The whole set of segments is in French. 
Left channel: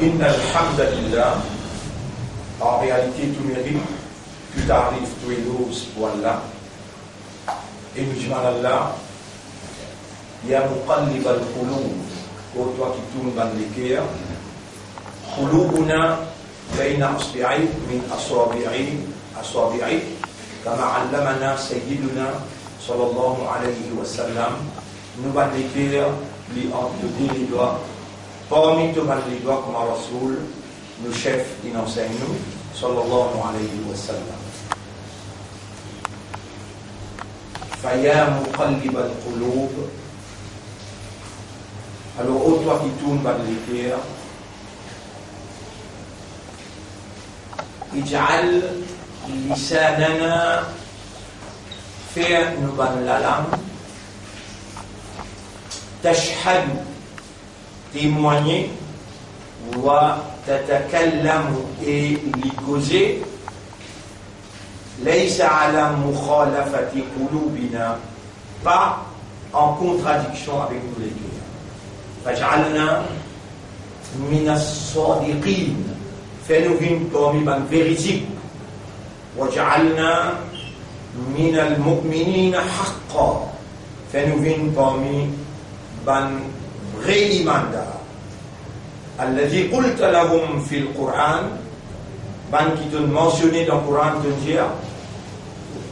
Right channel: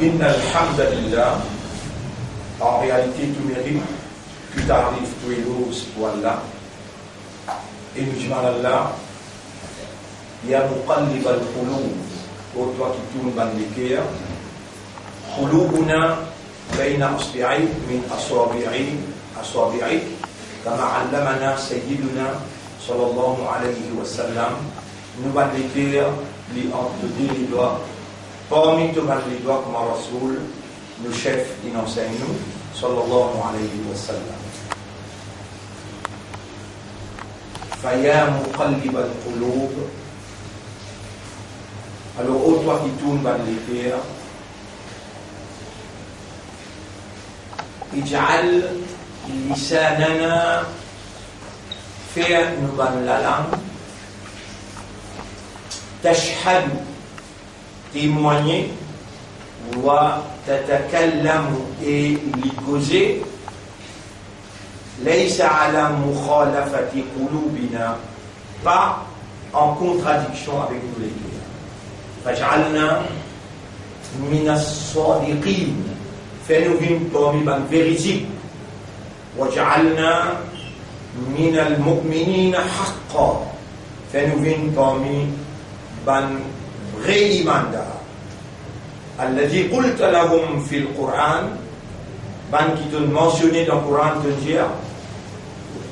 Inna alhamdulillah, en réalité tout mérite, tout arrive, tout éloge pour Allah. Et nous disons à Allah, Ya muqallib al-qulub, ô toi qui tournes dans les cœurs, qulubuna bayna asbi'i min asabi'i, kama allamana sayyiduna sallallahu alayhi wa sallam, nous dans les cœurs, li entre les doigts, parmi tous les doigts comme un Rasoul, nous chefs, il enseigne nous, sallallahu alayhi wa sallam. Faya muqallib al-qulub, alors ô toi qui tournes dans les cœurs, ij'al lisanana, faire nous dans la langue, tashhad, témoigner, wa tatakallamu, et l'icauser, laysa ala mukhalafati qulubina, pas en contradiction avec nous les cœurs. Faj'alna min as-sadiqin, fais-nous vivre parmi les véridiques, waj'alna min al-mu'minina haqqan, fais-nous vivre parmi les vrais imandars. Alladhi qulta lahum fil Qur'an, ban qui t'ont mentionné dans le Coran, te dire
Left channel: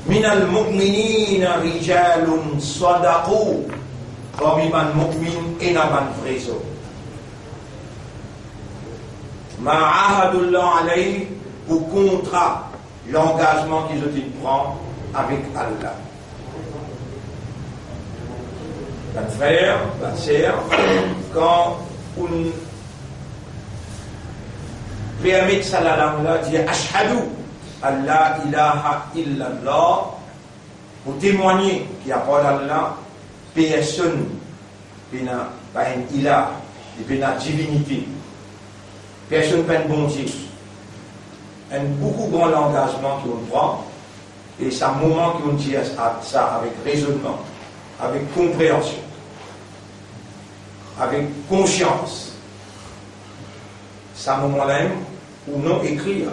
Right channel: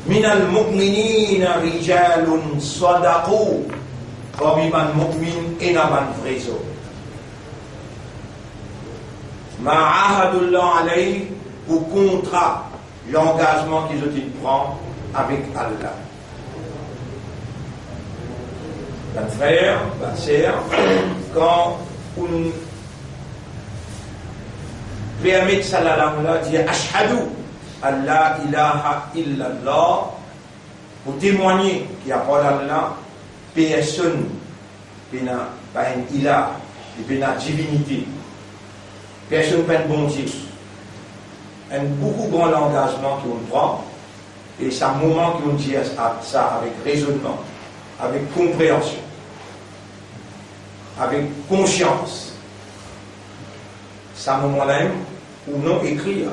min al-mu'minina rijalun sadaqu, parmi les mu'min et dans les vrais hommes. Ma'ahadullah alayhi, pour contrat l'engagement qu'ils ont pris avec Allah. Ben frère, ben sœur, quand on permet ça la langue-là, dire ashhadu an la ilaha illallah, pour témoigner qu'il n'y a pas d'Allah, personne, pas un ilah, pas une divinité, personne pas un bon Dieu. Un beaucoup grand engagement qu'on prend, et c'est un moment qu'on dit ça avec raisonnement, avec compréhension, avec conscience. C'est un moment-là où non écrire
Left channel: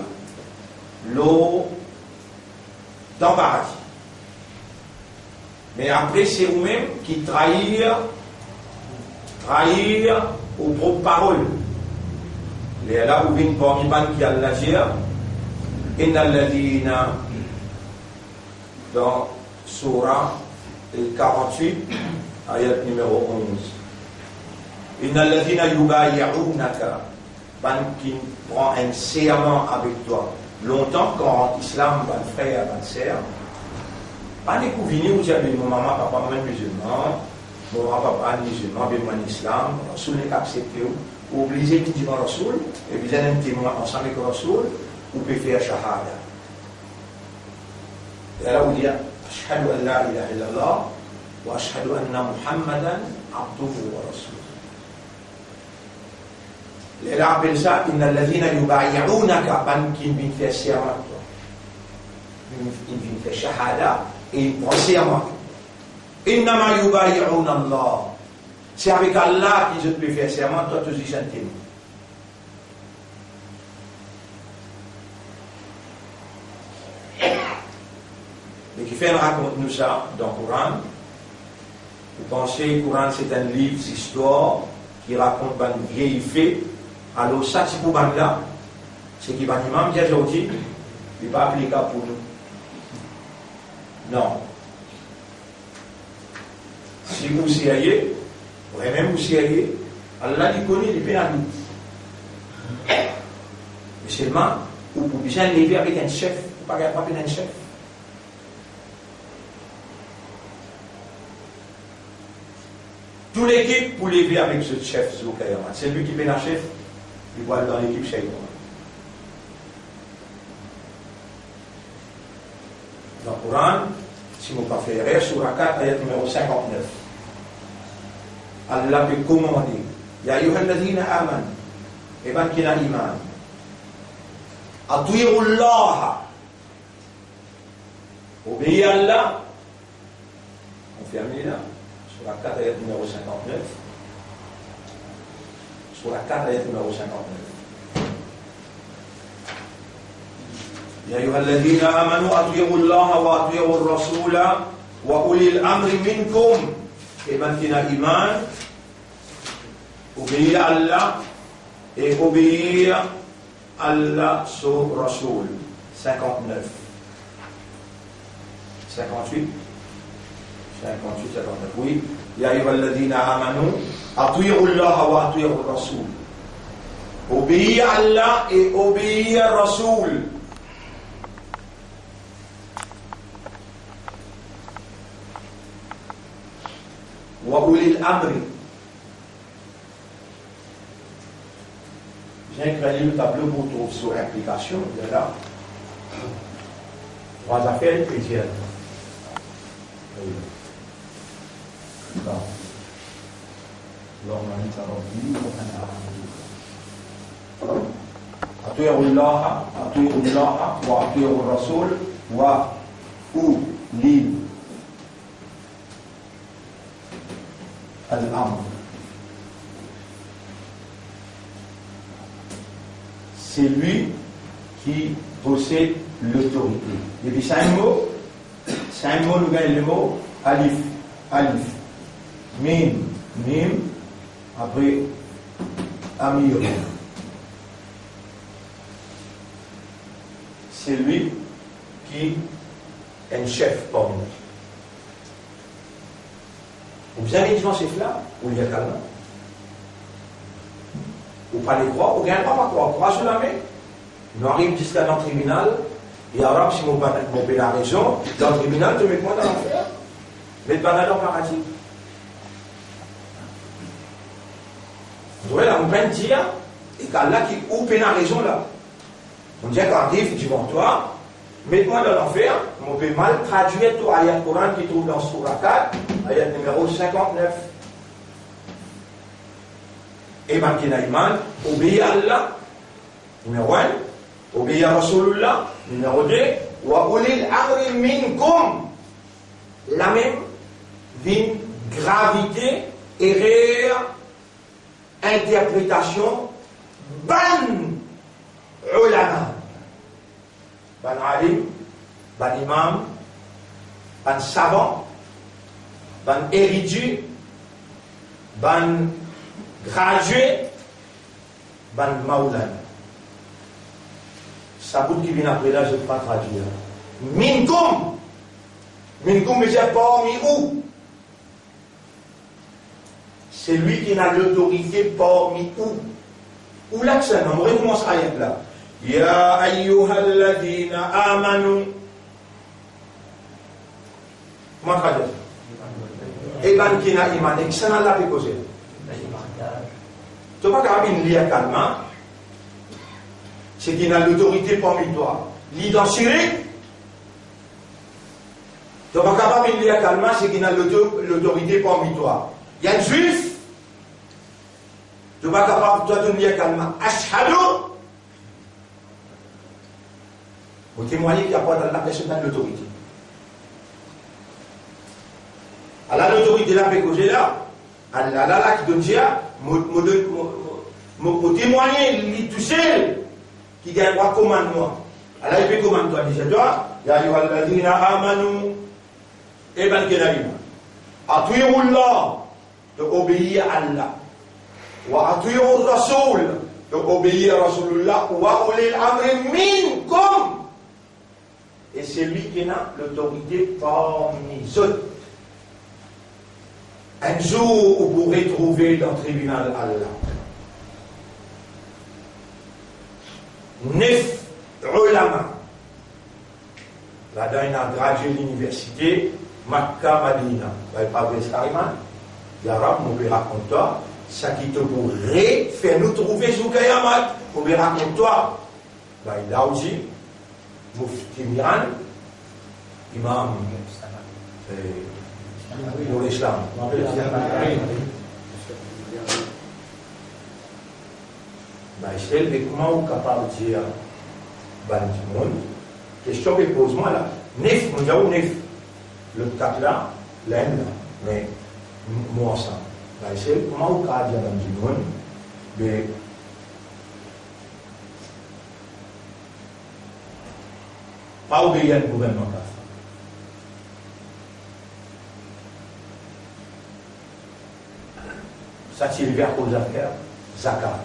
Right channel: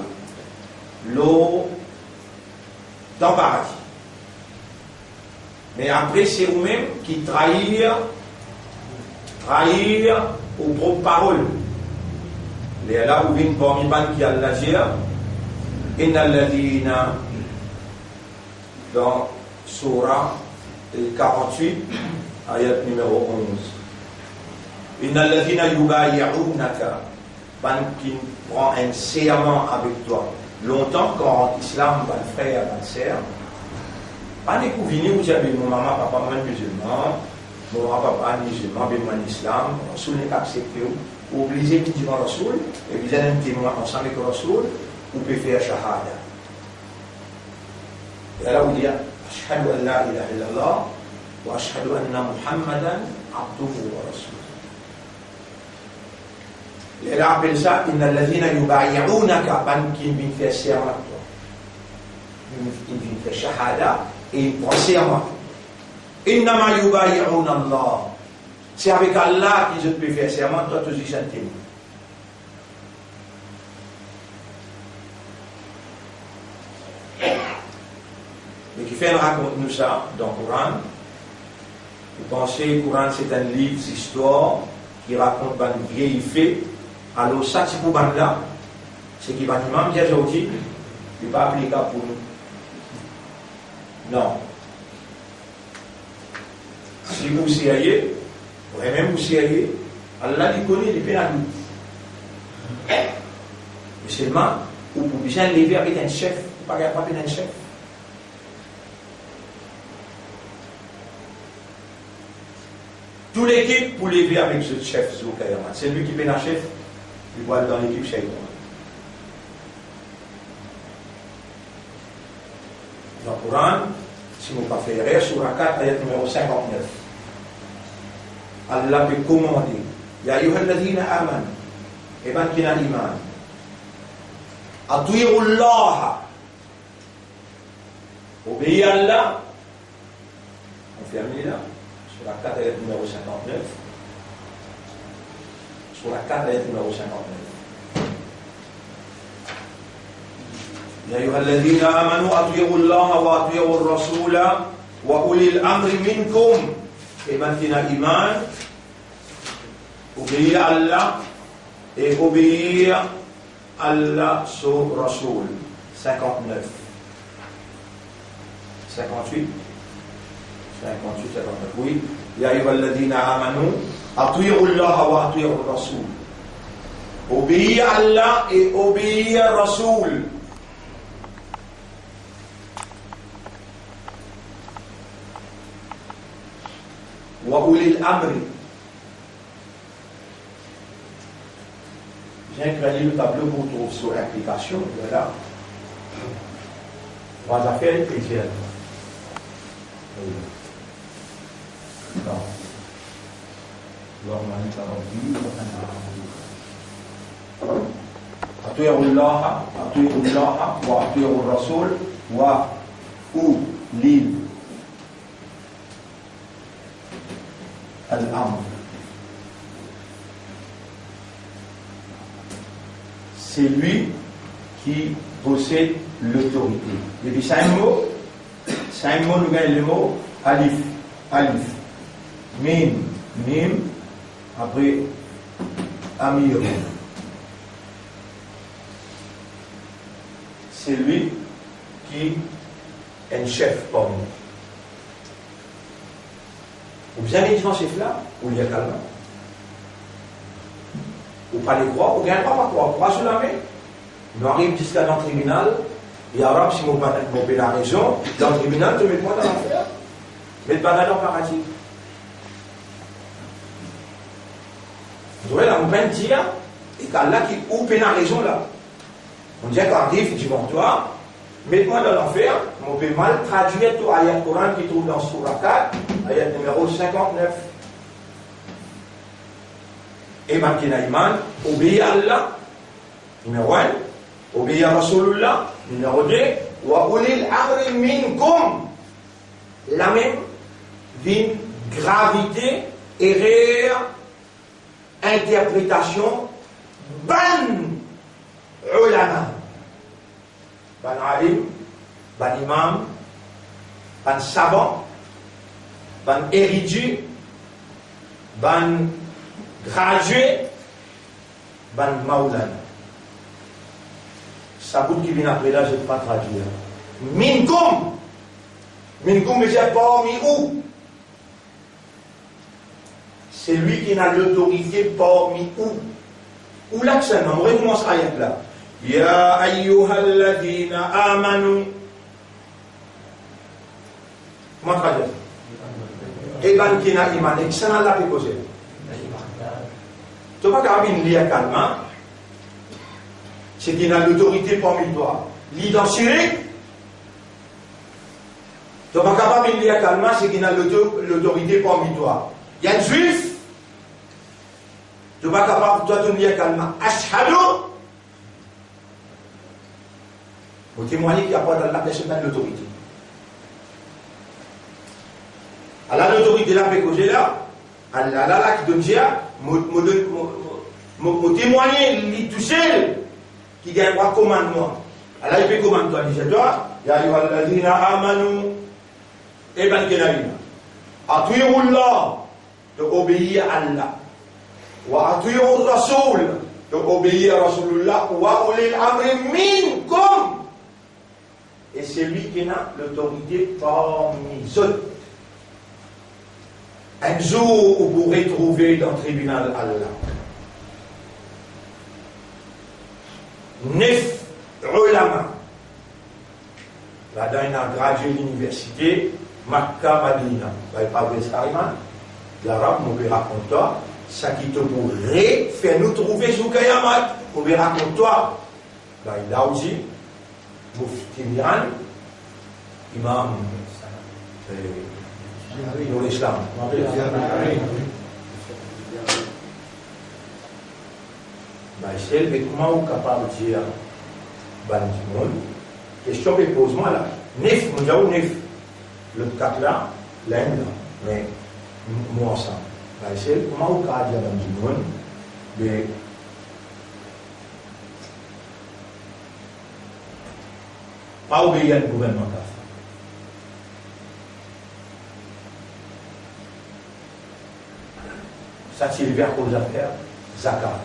l'eau dans le paradis. Mais après, c'est vous-même qui trahir aux propres paroles. Les là où viennent parmi les qui Allah dit, Inna alladhina, dans Surah 48, ayat numéro 11. Inna alladhina yubayi'unaka, qui prend un serment avec toi. Longtemps, quand l'islam, ban frère, ban sœur, pas les couviner où j'avais mon maman, papa, moi musulman, mon maman, papa, musulman, ben moi islam, Rasoul n'est accepté, ou obligé de dire Rasoul, et vous avez un témoin ensemble avec Rasoul, ou peut faire shahada. Et là, vous dites, ashhadu an la ilaha illallah, wa ashhadu anna Muhammadan abduhu wa rasoul. Et là, appelle ça, inna alladhina yubayi'unaka, ban qui vient faire serment, il vient faire shahada, et il prend serment. Innama yubayi'una Allah. C'est avec Allah qu'ils peuvent faire serment, toi tu dis un témoin. Mais qui fait raconte-nous ça dans le Coran. Vous pensez que le Coran c'est un livre d'histoire qui raconte un vieil fait. Alors ça c'est pour là, c'est qui va imam dit aujourd'hui, il n'est pas applicable pour nous. Non. Si vous seriez, même vous seriez, Allah il connaît les pénalités. Mais seulement, vous pouvez bien lever avec un chef, vous ne pouvez pas un chef. Toute l'équipe pour lever avec ce chef, c'est lui qui est un chef, il va dans l'équipe chef. Dans le Coran, si vous ne pouvez pas faire, sur la 4, ayat numéro 59. Allah peut commander, Ya ayyuhalladhina aman, et ben qui n'a iman, ati'ullah, obéis à Allah, on ferme là, sur la 4 ayat numéro 59, sur la 4 ayat numéro 59. يا أيها الذين آمنوا أطيعوا الله وأطيعوا الرسول وأولي الأمر منكم. Et maintenant, iman, obéir à Allah et obéir à Allah son Rasoul. 59. 58. 58, 59. Oui. Ya ayyuhalladhina amanu ati'u Allah wa ati'u Rasoul. Obéir à Allah et obéir à Rasoul. Wa ulil amri. J'ai créé le tableau pour trouver sur l'implication. Voilà. Trois affaires chrétiennes. Non. أطيعوا الله وأطيعوا الرسول وأولي الأمر. C'est lui qui possède l'autorité. Et puis c'est un mot, nous gagnons le mot alif, mim, après amir. C'est lui qui est un chef pour nous. Vous avez dit chef là, ou il y a calme. Ou pas les croire, ou bien pas croire. Croire sur la main. Nous arrivons jusqu'à dans le tribunal, et alors, si mon père a raison, dans le tribunal, tu mets moi dans l'enfer. Mais pas dans le paradis. Vous voyez, là, on peut dire, et qu'Allah qui ou a raison là. On dit qu'en dit, effectivement, toi, mets-moi dans l'enfer, on peut mal traduire tout ayat Coran qui trouve dans Surah 4, ayat numéro 59. Et maintenant, iman, obéir à Allah, numéro 1, obéir à Rasulullah, numéro 2, wa ulil amri minkum, la même d'une gravité et réelle interprétation ban ulama, ban alim, ban imam, ban savant, ban érudit, ban gradué, ban maoulan. Ça bout qui vient après là, je ne vais pas traduire. Minkum, mais c'est parmi où? C'est lui qui a l'autorité parmi où? Où l'accent? On recommence à y là. Ya ayyuhalladhina amanu. Comment traduire? Et ben qui n'a iman, excellent la péposé. Tu n'as pas qu'à lire calmement. C'est qu'il a l'autorité parmi toi. L'identité. Tu n'as pas qu'à lire calmement, c'est qu'il a l'autorité parmi toi. Il y a un juif. Tu n'es pas capable, toi, de lire calmement. Ashhadu. Vous témoignez qu'il n'y a pas dans la personne de l'autorité. Alors, l'autorité là, Allah là, qui donne Dia, me témoigner, tout seul, qui gagne un commandement. Allah, il peut commander toi, dis-toi, Ya ayyuhalladhina amanu, et ben kenabina. Ati'ullah, de obéir à Allah. Wa ati'ur rasoul, de obéir à Rasulullah. Wa ulil amri minkum. Et c'est lui qui a l'autorité parmi les autres. Un jour, vous pourrez trouver dans le tribunal Allah 9 ulama. Là-dedans, il a gradué l'université Makkah Madina. Il n'y a pas de Sariman. L'arabe, on peut raconter toi, ça qui te pourrait faire nous trouver sous Kayamat. On peut raconter toi. Il a aussi, Mufti Miran, imam pour l'islam. C'est comment on est capable de dire, question que pose-moi là. Nef, nous avons nef. Le 4 là, l'Inde là, mais moi ensemble. C'est comment on est capable de dire, Pas obéir au gouvernement. Ça tire vers cause affaire, zakat.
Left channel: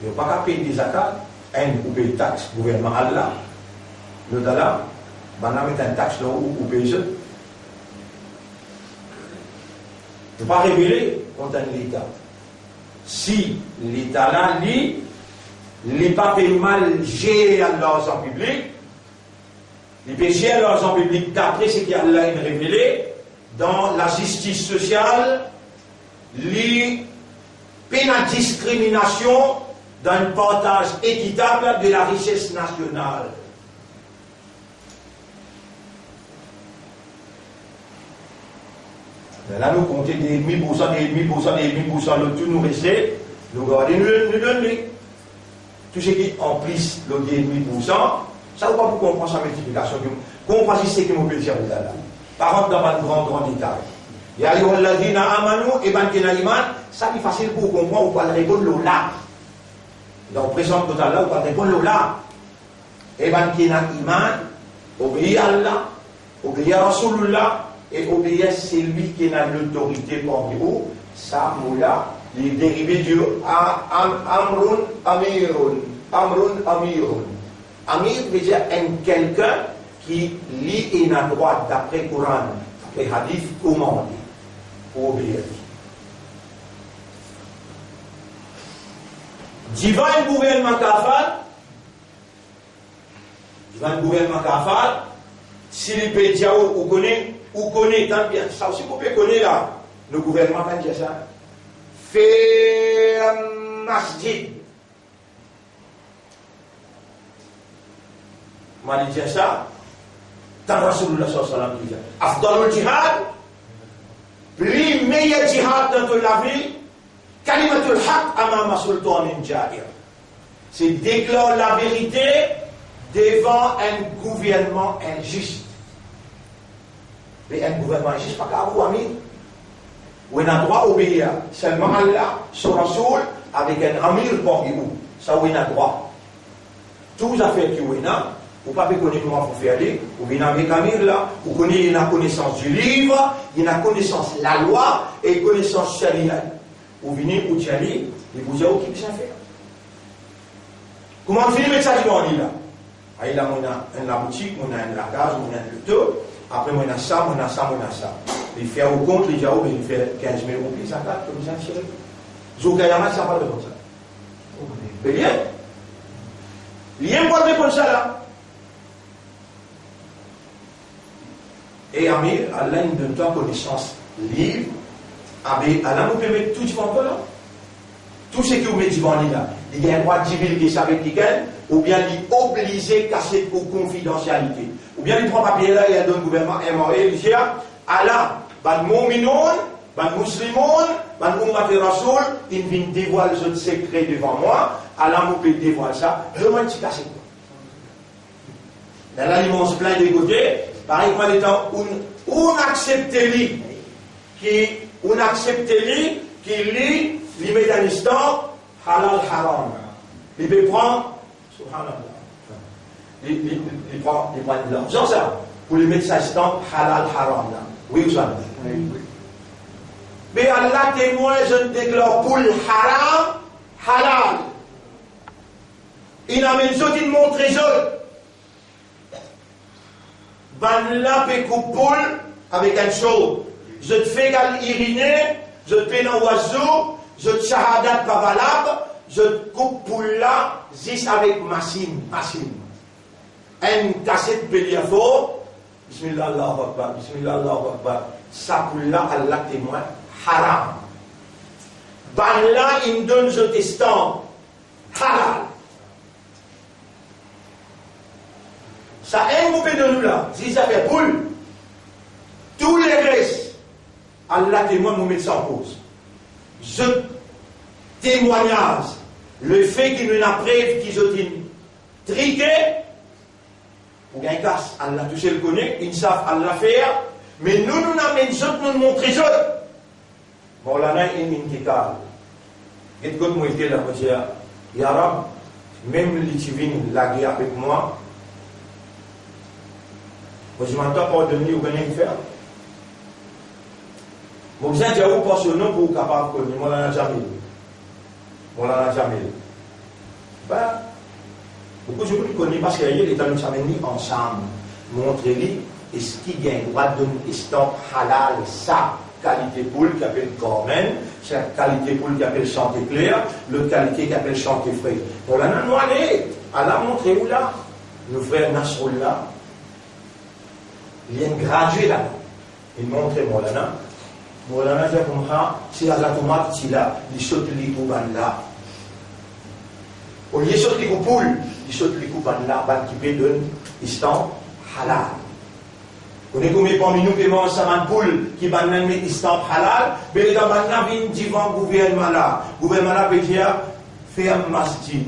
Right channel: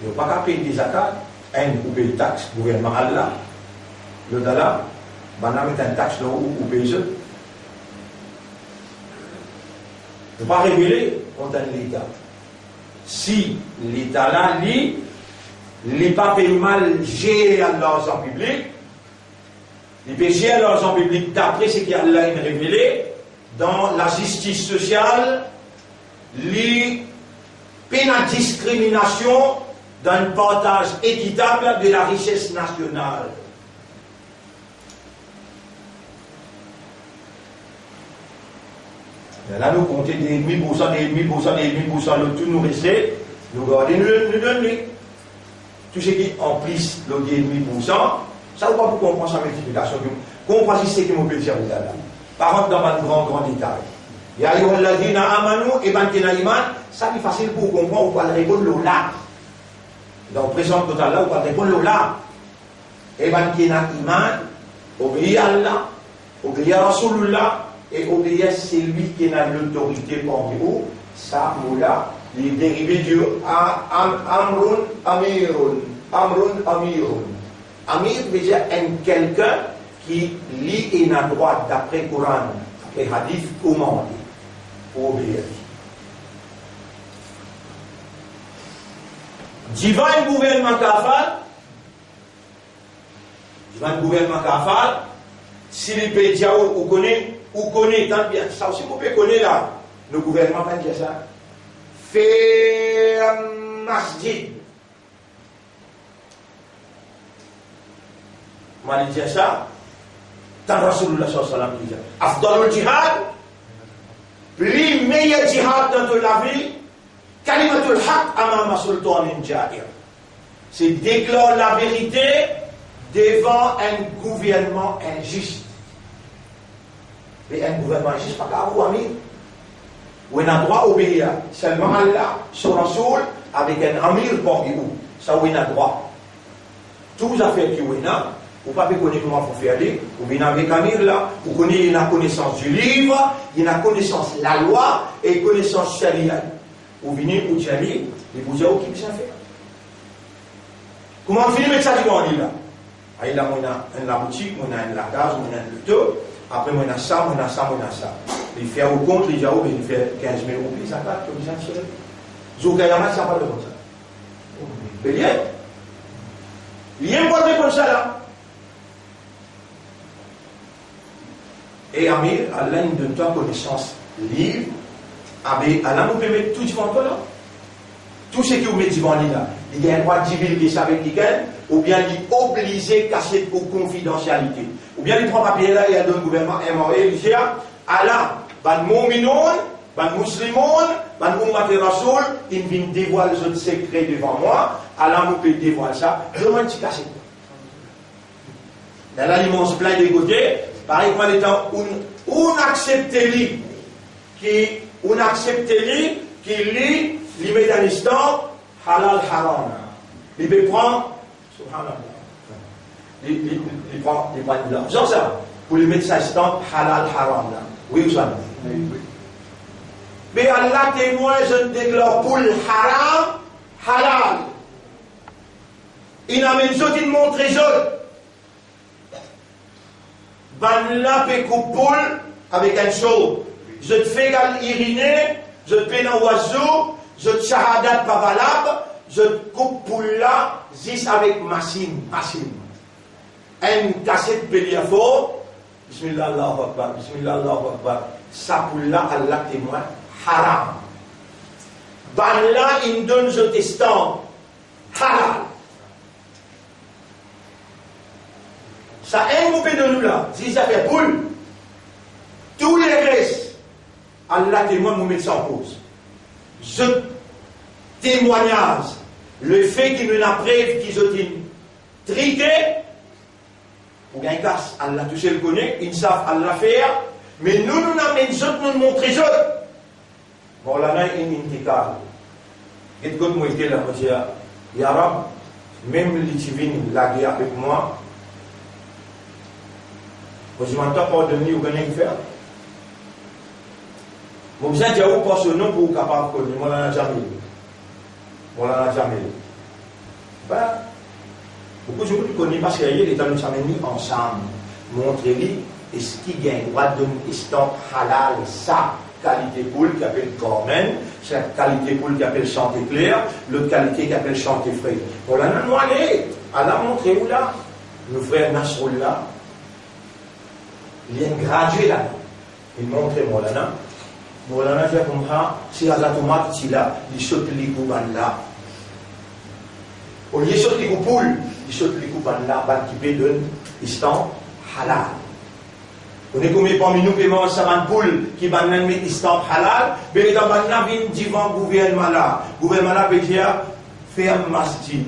Il n'y a pas qu'à payer des zakats, ou payer taxe, gouvernement Allah. Le dollar, on met un taxe là ou payer ça. Ne pas révéler contre l'État. Si l'État là, il pas fait mal gérer l'argent public, il peut gérer l'argent public d'après ce qu'il a révélé dans la justice sociale, il peine à discrimination dans un partage équitable de la richesse nationale. Là, nous comptons des 1000%, des 1000%, des 1000%, le tout nous reste, nous gardons, nous donnons. Tout ce qui est en plus, le 1000%, ça ne va pas pour comprendre sa multiplication. Comprendre ce que nous pouvons dire là. Par contre, dans un grand détail. Il y a eu amanou et Bankena Iman, ça c'est facile pour comprendre, on va répondre le là. Dans le présent total là, on va répondre le là. Et Bankena Iman, obéir à Allah, obéir à Rasulullah, et obéir à celui qui a l'autorité parmi vous, ça, moula, les dérivés du Amrun Amirun. Amrun Amirun. Amir veut dire quelqu'un qui lit et n'a droit d'après le Coran, les hadiths commandés, pour obéir. Divin gouvernement kafal, si les pays ou connaît tant bien, ça aussi vous pouvez connaître là, le gouvernement va dire ça. Fait un masjid. M'a dit ça. Tant Rasulullah sallallahu alayhi wa sallam dit ça. Afdalul jihad, plus meilleur jihad dans toute la vie, kalimatul haq amama sultanin jair. C'est déclarer la vérité devant un gouvernement injuste. Mais un gouvernement injuste, pas qu'à vous, amis. Où on a droit d'obéir seulement Allah, son Rasoul, avec un amir parmi vous. Ça, où on a droit. Tous les affaires qui on a, vous ne pouvez pas connaître comment il faut faire aller, vous venez avec Amir là, vous connaissez la connaissance du livre, il y a la connaissance de la loi et la connaissance sharia. Vous venez au Tchali, et vous dites, qui peut faire? Comment on finit avec ça, on dit là? Il y a la boutique, on a la case, on a le taux, après on a ça, on a ça, on a ça. Il fait au compte, il fait 15 000 roupies, ça va, comme ça, c'est Zoukayama, ça va de comme ça. Mais bien, il y a un point de comme ça là. Et Amir, Allah nous donne toi connaissance libre. Allah nous permet tout devant là. Tout ce qui vous met devant là, il y a un droit de divulguer ça avec lesquels, ou bien il est obligé de casser pour confidentialité. Ou bien il prend papier là, il y a un gouvernement MRE, il dit Allah, ban mu'minoun, ban muslimoun, ban ummati rasoul, il vient dévoiler ce secret devant moi, Allah nous peut dévoiler ça, je m'en suis cassé. Dans là, il mange plein de côtés, par exemple, étant, on accepte lui, qui lit l'immédianistan halal haram. Il peut prendre, subhanallah, il prend de l'argent, ça, pour lui mettre ça instant halal haram. Là. Oui ou ça? Mais Allah témoin, je déclare pour le haram, halal. Il amène ça, il montre les autres. Ben là, peut couper avec un show. Je te fais iriner, je te fais un oiseau, je te shahadat pas valable, je te coupe pour là, juste avec machine. Un cassette pédiafo, bismillah Allahu Akbar, bismillah Allahu Akbar. Ça pour là, Allah témoin, haram. Ben là, il me donne ce testant, halal. Ça a un coupé de nous là, si ça fait boule, tous les restes, Allah témoin nous met ça en cause. Je témoignage, le fait qu'il nous a preuve qu'ils ont triqué, pour gagner casse, Allah tout seul connaît, ils savent Allah faire, mais nous n'amènons autres, nous montrons autres. Bon, là, il y a une intikal. Et quand moi j'étais là, je dis, Ya Rab, même les divines, la guerre avec moi, Moi, je m'entends pardonner ou rien faire. Moi, vous êtes déjà pas ce nom pour vous capable de connaître. Moi, je n'en ai jamais eu. Moi, je n'en ai jamais eu. Ben, beaucoup de gens qui connaissent parce qu'il est dans nous amenés ensemble. Montrer-lui, et ce qui gagne, droit de l'estampe halal, ça. Qualité poule qui appelle Cormen, c'est la qualité poule qui appelle chanter clair, l'autre qualité qui appelle chanter frais. On l'a noyé, à la montrer où là, nos frères Nasrul là, il y a un gradué là, il montre Molana, Molana dit comme ça, si la tomate qui là, il saute les coups là. Au lieu de sauter les coups poule, il saute les coups là, qui peut donner, instant halal. On est comme parmi nous qui mangent sa poule qui va nous mettre istamp halal, mais les gens viennent devant le gouvernement là. Le gouvernement là peut dire ferme masjid.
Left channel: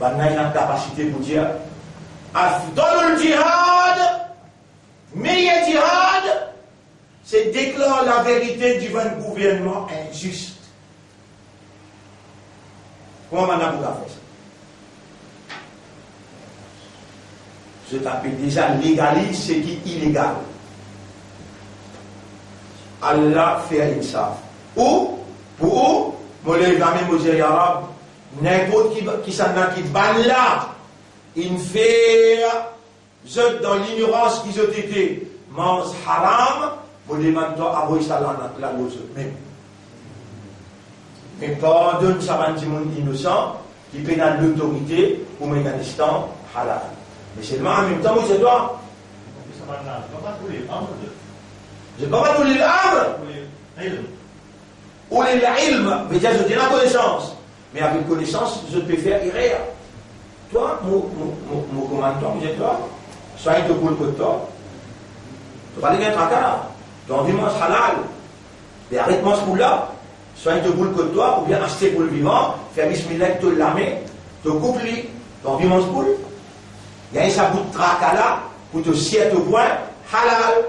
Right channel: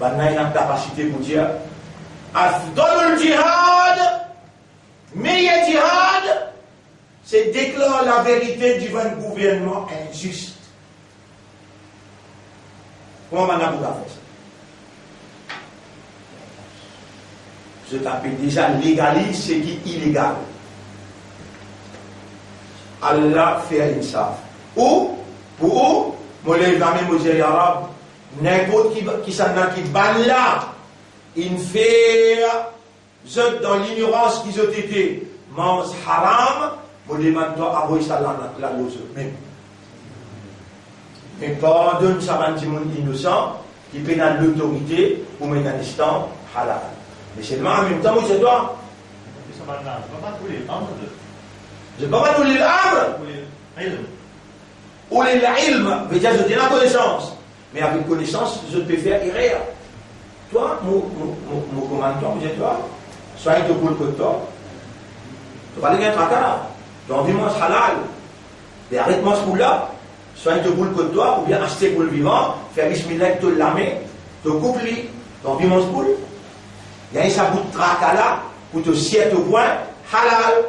Il a la capacité pour dire Afdalul jihad, meilleur jihad, c'est déclarer la vérité devant le gouvernement injuste. Comment on a fait ça? Je t'appelle déjà légalise ce qui est illégal. Allah fait insaf. Ou, pour moi, les amis musulmans arabes, n'importe qui s'en a qui ban là, il fait, dans l'ignorance qu'ils ont été, mange haram, vous demandez à vous ça là, même. Mais pardonne ça va dire monde innocent, qui pénale l'autorité, ou même un instant halal. Mais c'est en même temps, c'est toi. Je ne peux pas tous les arbres. Ou les ilm. Mais déjà, je dis la connaissance. Mais avec connaissance, je peux faire erreur. Toi, mon commandant, vous êtes toi. Soit il te coule que toi. Tu vas aller être à là. Tu as envie de manger halal. Mais arrête-moi ce coup-là. Soit il te coule que toi, ou bien acheter pour le vivant, faire bismillah, te lamer, te couper. Tu as envie de manger poule. Il y a un sabot de tracas là, pour te scier au point, halal.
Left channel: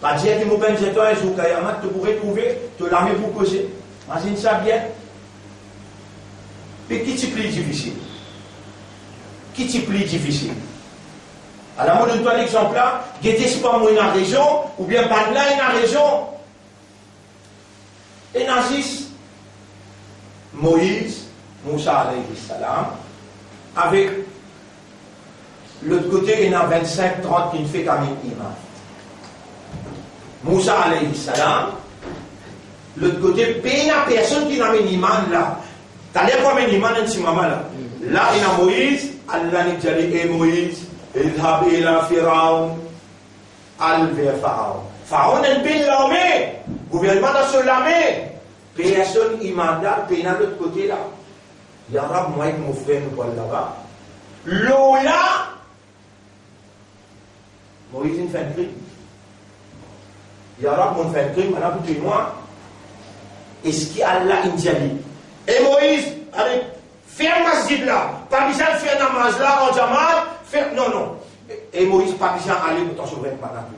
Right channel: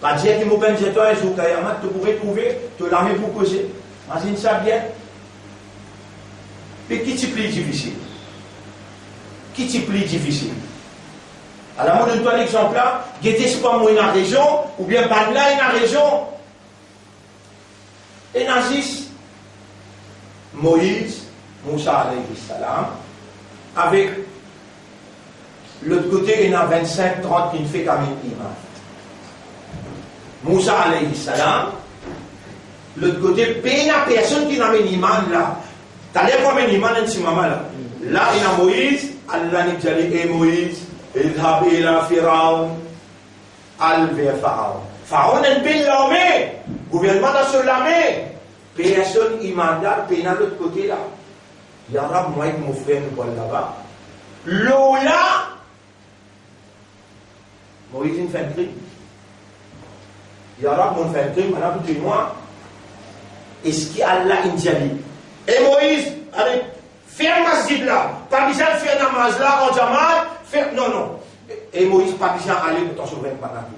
Pas dire que mon père dit toi, un jour, tu pourrais trouver, te lamer pour causer. Imagine ça bien. Mais qui t'y plie difficile? Qui t'y plie difficile? À la mode de toi, l'exemple là, guettez pas moi une région, ou bien pas là une région. Et Nazis, Moïse, Moussa alayhi salam, avec l'autre côté, il y en a 25-30 qui ne fait qu'un imam. Moussa alayhi salam, l'autre côté, il n'y a personne qui n'a un imam là. T'as l'air comme un imam dans ce moment là. Là, il y a Moïse, Allah n'a pas dit, Moïse, idhab ila Firaun, al vers Pharaon. Pharaon n'est pas l'armée, gouvernement dans sur l'armée. Personne imam là, il y a l'autre côté là. Il y a moi et mon frère nous parlons là-bas. L'eau là, Moïse il fait un crime. Il y a mon fait un crime, maintenant pour tout moi. Est-ce qu'il y a Allah Indiali? Et Moïse, allez, faire masjid là. Pas besoin de faire namaz là en Jamal. Faire, non, non. Et Moïse, pas besoin d'aller pour t'en sauver pendant tout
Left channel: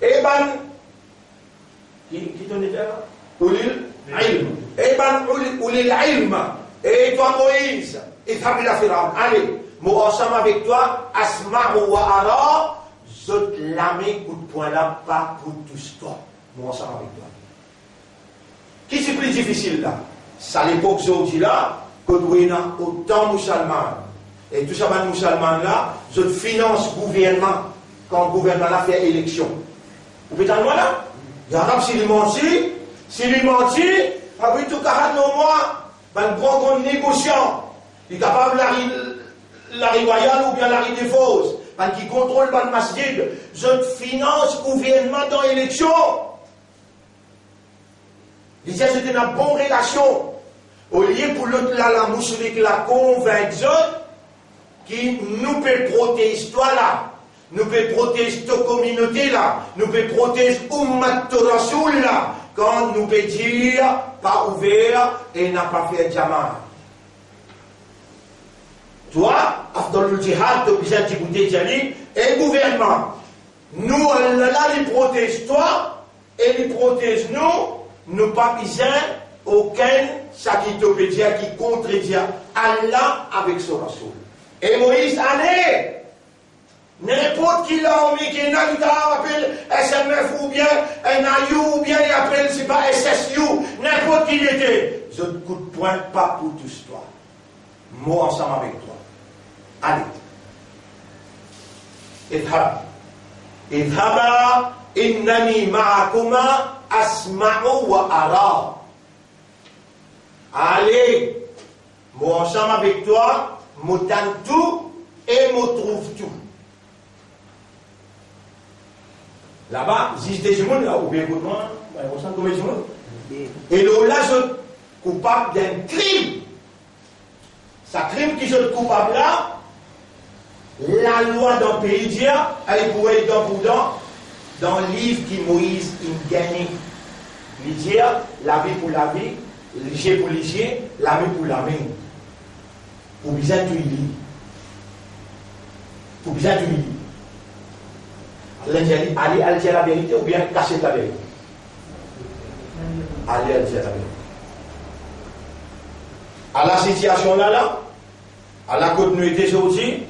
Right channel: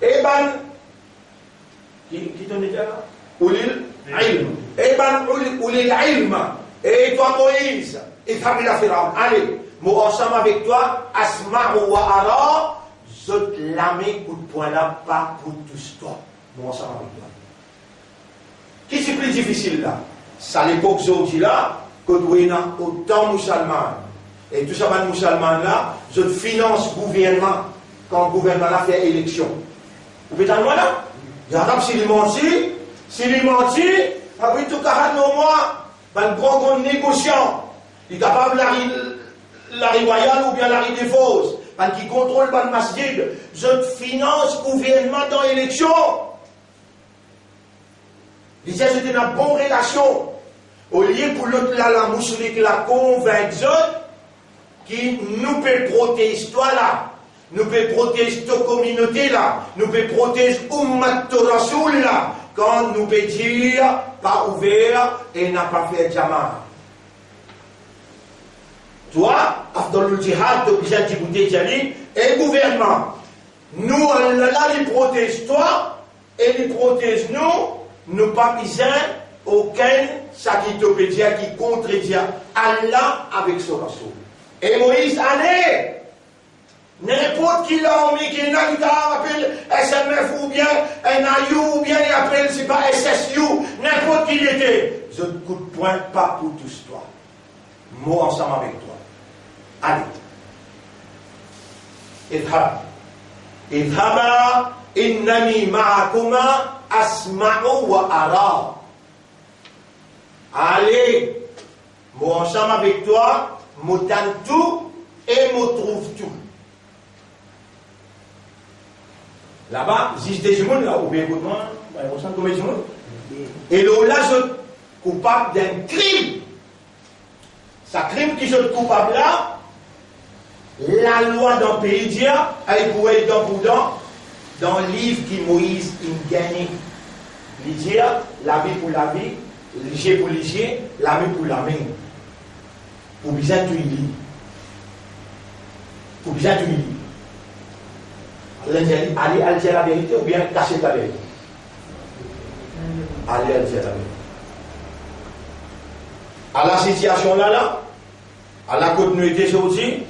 ça. Et ben, qui t'en était là? Oulil ilm. Et ben, oulil ilm. Et toi, Moïse, et Fabi la Pharaon, allez, moi ensemble avec toi, Asma wa Ara, zot lamé coup de poing là, pas pour tous toi. Moi ensemble avec toi. Qui c'est plus difficile là? C'est à l'époque aujourd'hui là, que nous avons autant de musulmans. Et tout ça, les musulmans là, je finance le gouvernement quand le gouvernement a fait élection. Vous pouvez t'en là? Il y a un s'il mentit, après tout 40 mois, un grand négociant, il est capable de la royale ou bien la des fausses, qui contrôle le masjid, je finance le gouvernement dans l'élection. Il disait c'était une bonne relation. Au lieu pour l'autre là, la musulmane la convaincre qui nous peut protéger toi là, nous peut protéger ta communauté là, nous peut protéger Ummat Rasoul là, quand nous peut dire pas ouvert et n'a pas fait Jamal. Toi, dans le djihad, tu as dit et le gouvernement, nous, Allah, il protège toi et il protège nous pas besoin aucun ça qui te peut dire qui contredit Allah avec son Rasoul. Et Moïse, allez! N'importe qui l'a mis, qui n'a pas appelé SMF ou bien NIU ou bien il appelle, c'est pas SSU, n'importe qui il était. Je ne coup de poing, pas pour tous toi. Moi ensemble avec toi. Allez. Idhaba innani ma'akuma asma'u wa ara. Allez. Moi ensemble avec toi, m'entends tout et me trouve tout. Là-bas, existe des gens, là, ou bien comment, on sent comme des gens. Et là, je suis coupable d'un crime. Ce crime qui est coupable là, la loi dans le pays d'Ia, elle pourrait être dans le livre qui Moïse a gagné. L'Idia, la vie pour la vie, l'Igia pour l'Igia, la vie pour la vie. Pour bien tout y lire. Pour bien tout y lire. Allez dire la vérité ou bien cacher la vérité. Allez dire la vérité. À la situation là, à la côte nous était aujourd'hui,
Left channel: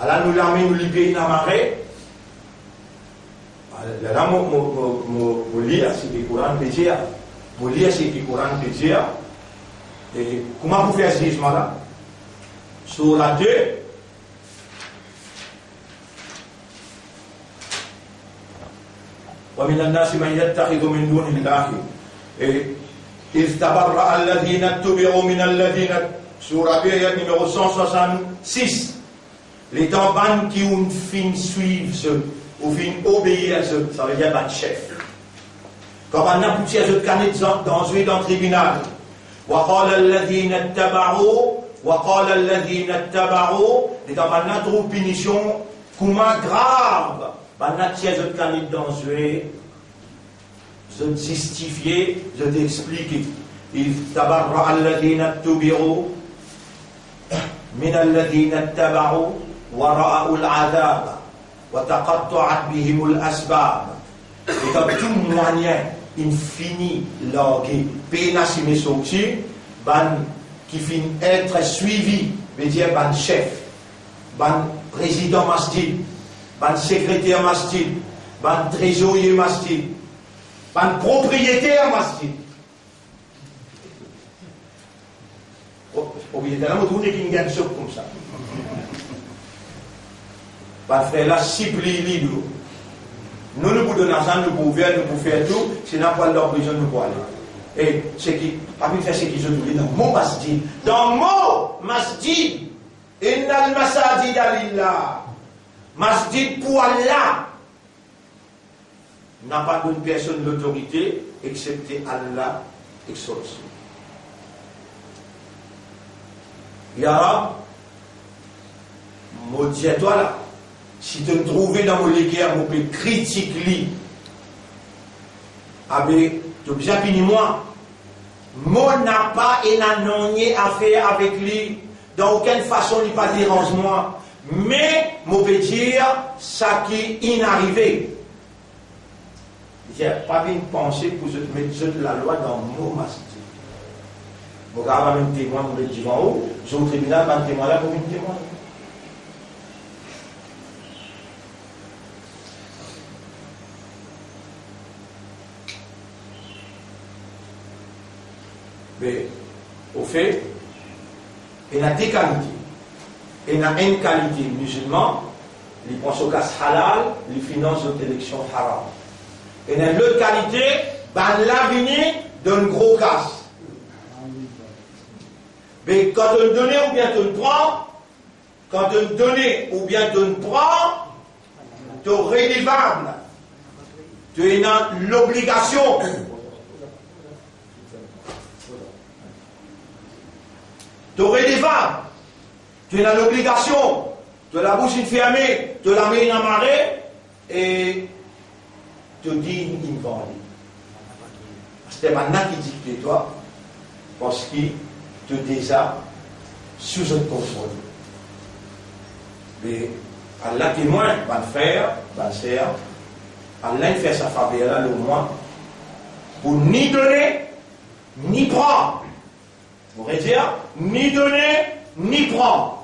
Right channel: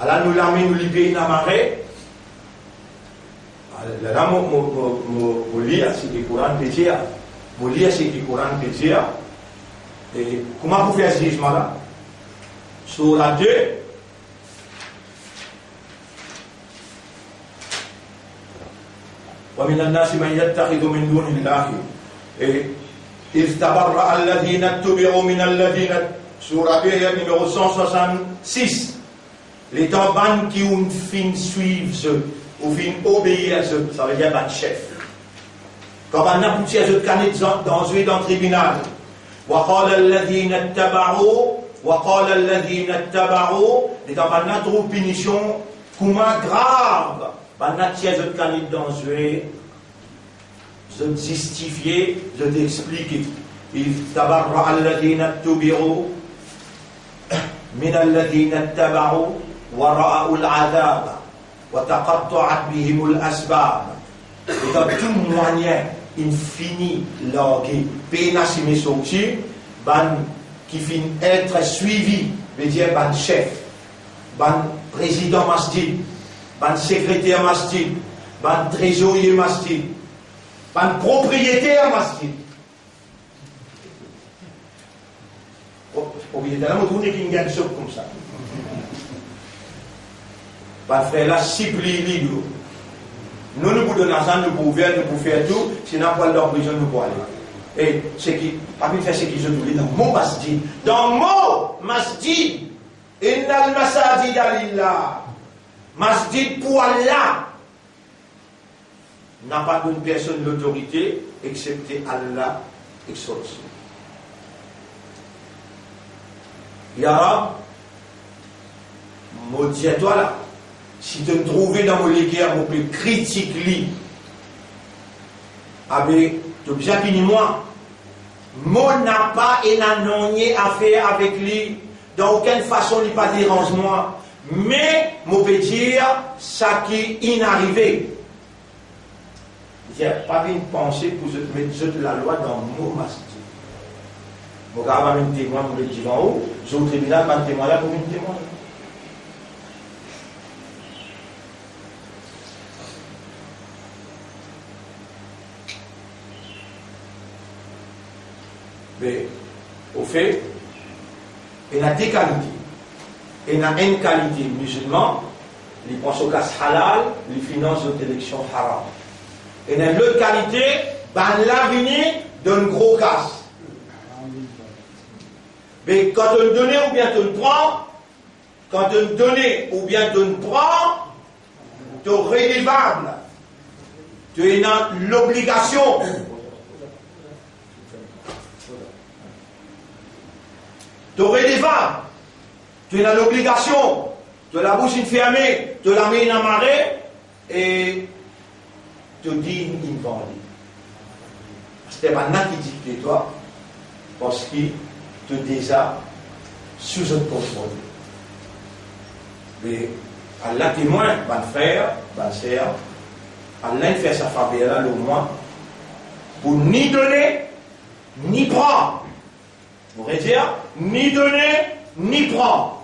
à la nous l'armée nous les pays dans marée. Là, je lis c'est du Coran péché. Je lis c'est du Coran péché. Et comment vous faites ce jugement là? Sur la 2. ومن الناس من يتخذ من دون الله إذ تبرأ الذين اتبعوا من الذين سورة numéro 166 les tambans qui ont fin suivre ou fin obéir ça veut dire ban chef quand on a poussé à ce canet dans le tribunal وقال الذين اتبعوا les tambans trouvent punition comment grave Banatia, je te canide dans je te justifier, je t'explique. Il tabarra alladhina tubiru min alladhina tabaru wa ra'u al-'adab wa taqatta'at bihim al-asbab. Et dans tout moyen infini largué, pénachimé sorti, ban qui finit être suivi, veut dire ban chef, ban président masjid. Ban secrétaire masjid, ban trésorier masjid, ban propriétaire masjid. Propriétaire, on trouve qu'il y a une chose comme ça. Ban frère là, supplie libre. Nous nous pouvons donner l'argent, nous pouvons ouvrir, nous pouvons faire tout, sinon pas dans la prison, nous pouvons aller. Et ce qui, parmi faire ce qui se trouve dans mon masjid, dans mon masjid, innal masajid lillah. Masjid pour Allah n'a pas d'une personne d'autorité excepté Allah exauce. Yara, maudit toi là, si tu me trouves dans mon léguerre, mon plus critique li, avec, tu as bien fini moi, moi n'a pas et n'a rien à faire avec lui, dans aucune façon il pas dérange moi. Mais, je peux dire, ça qui est inarrivé. Je n'ai pas une pensée pour mettre la loi dans mon masjid. Je vais avoir un témoin pour le dire en haut, je vais au tribunal, un témoin là pour un témoin. Mais, au fait, il y a des qualités. Et dans une qualité musulman, ils pensent au cas halal, ils financent aux élections haram. Et dans l'autre qualité, ben l'avenir d'un gros casse. Mais quand on donne ou bien on prend, quand on donne ou bien on prend, tu es redevable. Tu es dans l'obligation. Tu es redevable. Tu es dans l'obligation de la bouche fermée, de la main en marée et te dire une vendée. C'est maintenant qui dit de toi parce qu'il te déjà sous un contrôle. Mais Allah témoin, mon frère, ma sœur, Allah fait sa faveur le moins pour ni donner ni prendre. Vous voulez dire ni donner ni prendre.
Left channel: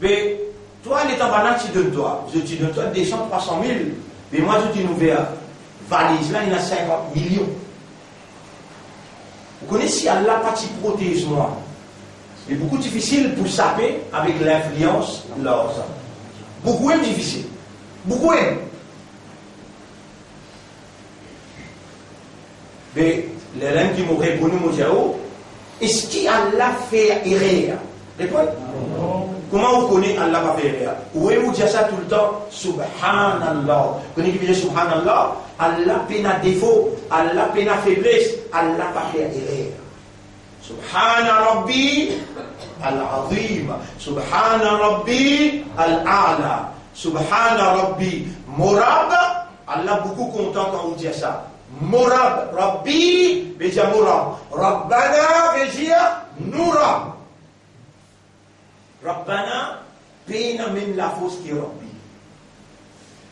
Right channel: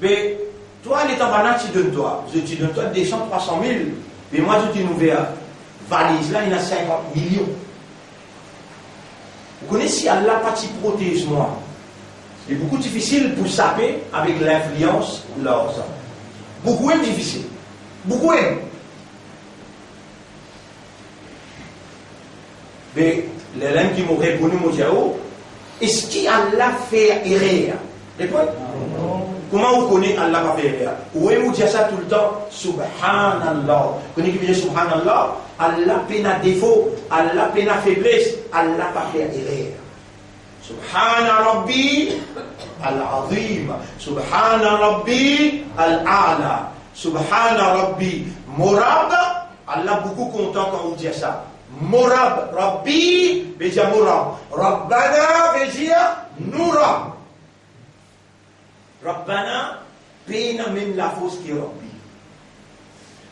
Mais Toi, les tabanak, tu donnes toi. Je te donne toi 200, 300 000. Mais moi, je dis, nous verrons. Valise, là, il y a 50 millions. Vous connaissez, Allah, pas qui protège moi. C'est beaucoup difficile pour saper avec l'influence de l'argent. Beaucoup est difficile. Beaucoup est. Mais les gens qui m'ont répondu, m'ont dit, oh, est-ce qu'Allah fait erreur? Répondez. Comment vous connaissez Allah va faire erreur? Oui, vous dites ça tout le temps, Subhanallah. Vous connaissez qui veut dire Subhanallah? Allah peine à défaut, Allah peine à faiblesse, Allah va faire erreur. Subhana Rabbi al-Azim, Subhana Rabbi al-A'la, Subhana Rabbi Morab. Allah beaucoup content quand vous dites ça. Morab, Rabbi, veut dire Morab. Rabbana veut dire Nourab. Rabbana, peine même la fausse qui est Rabbi.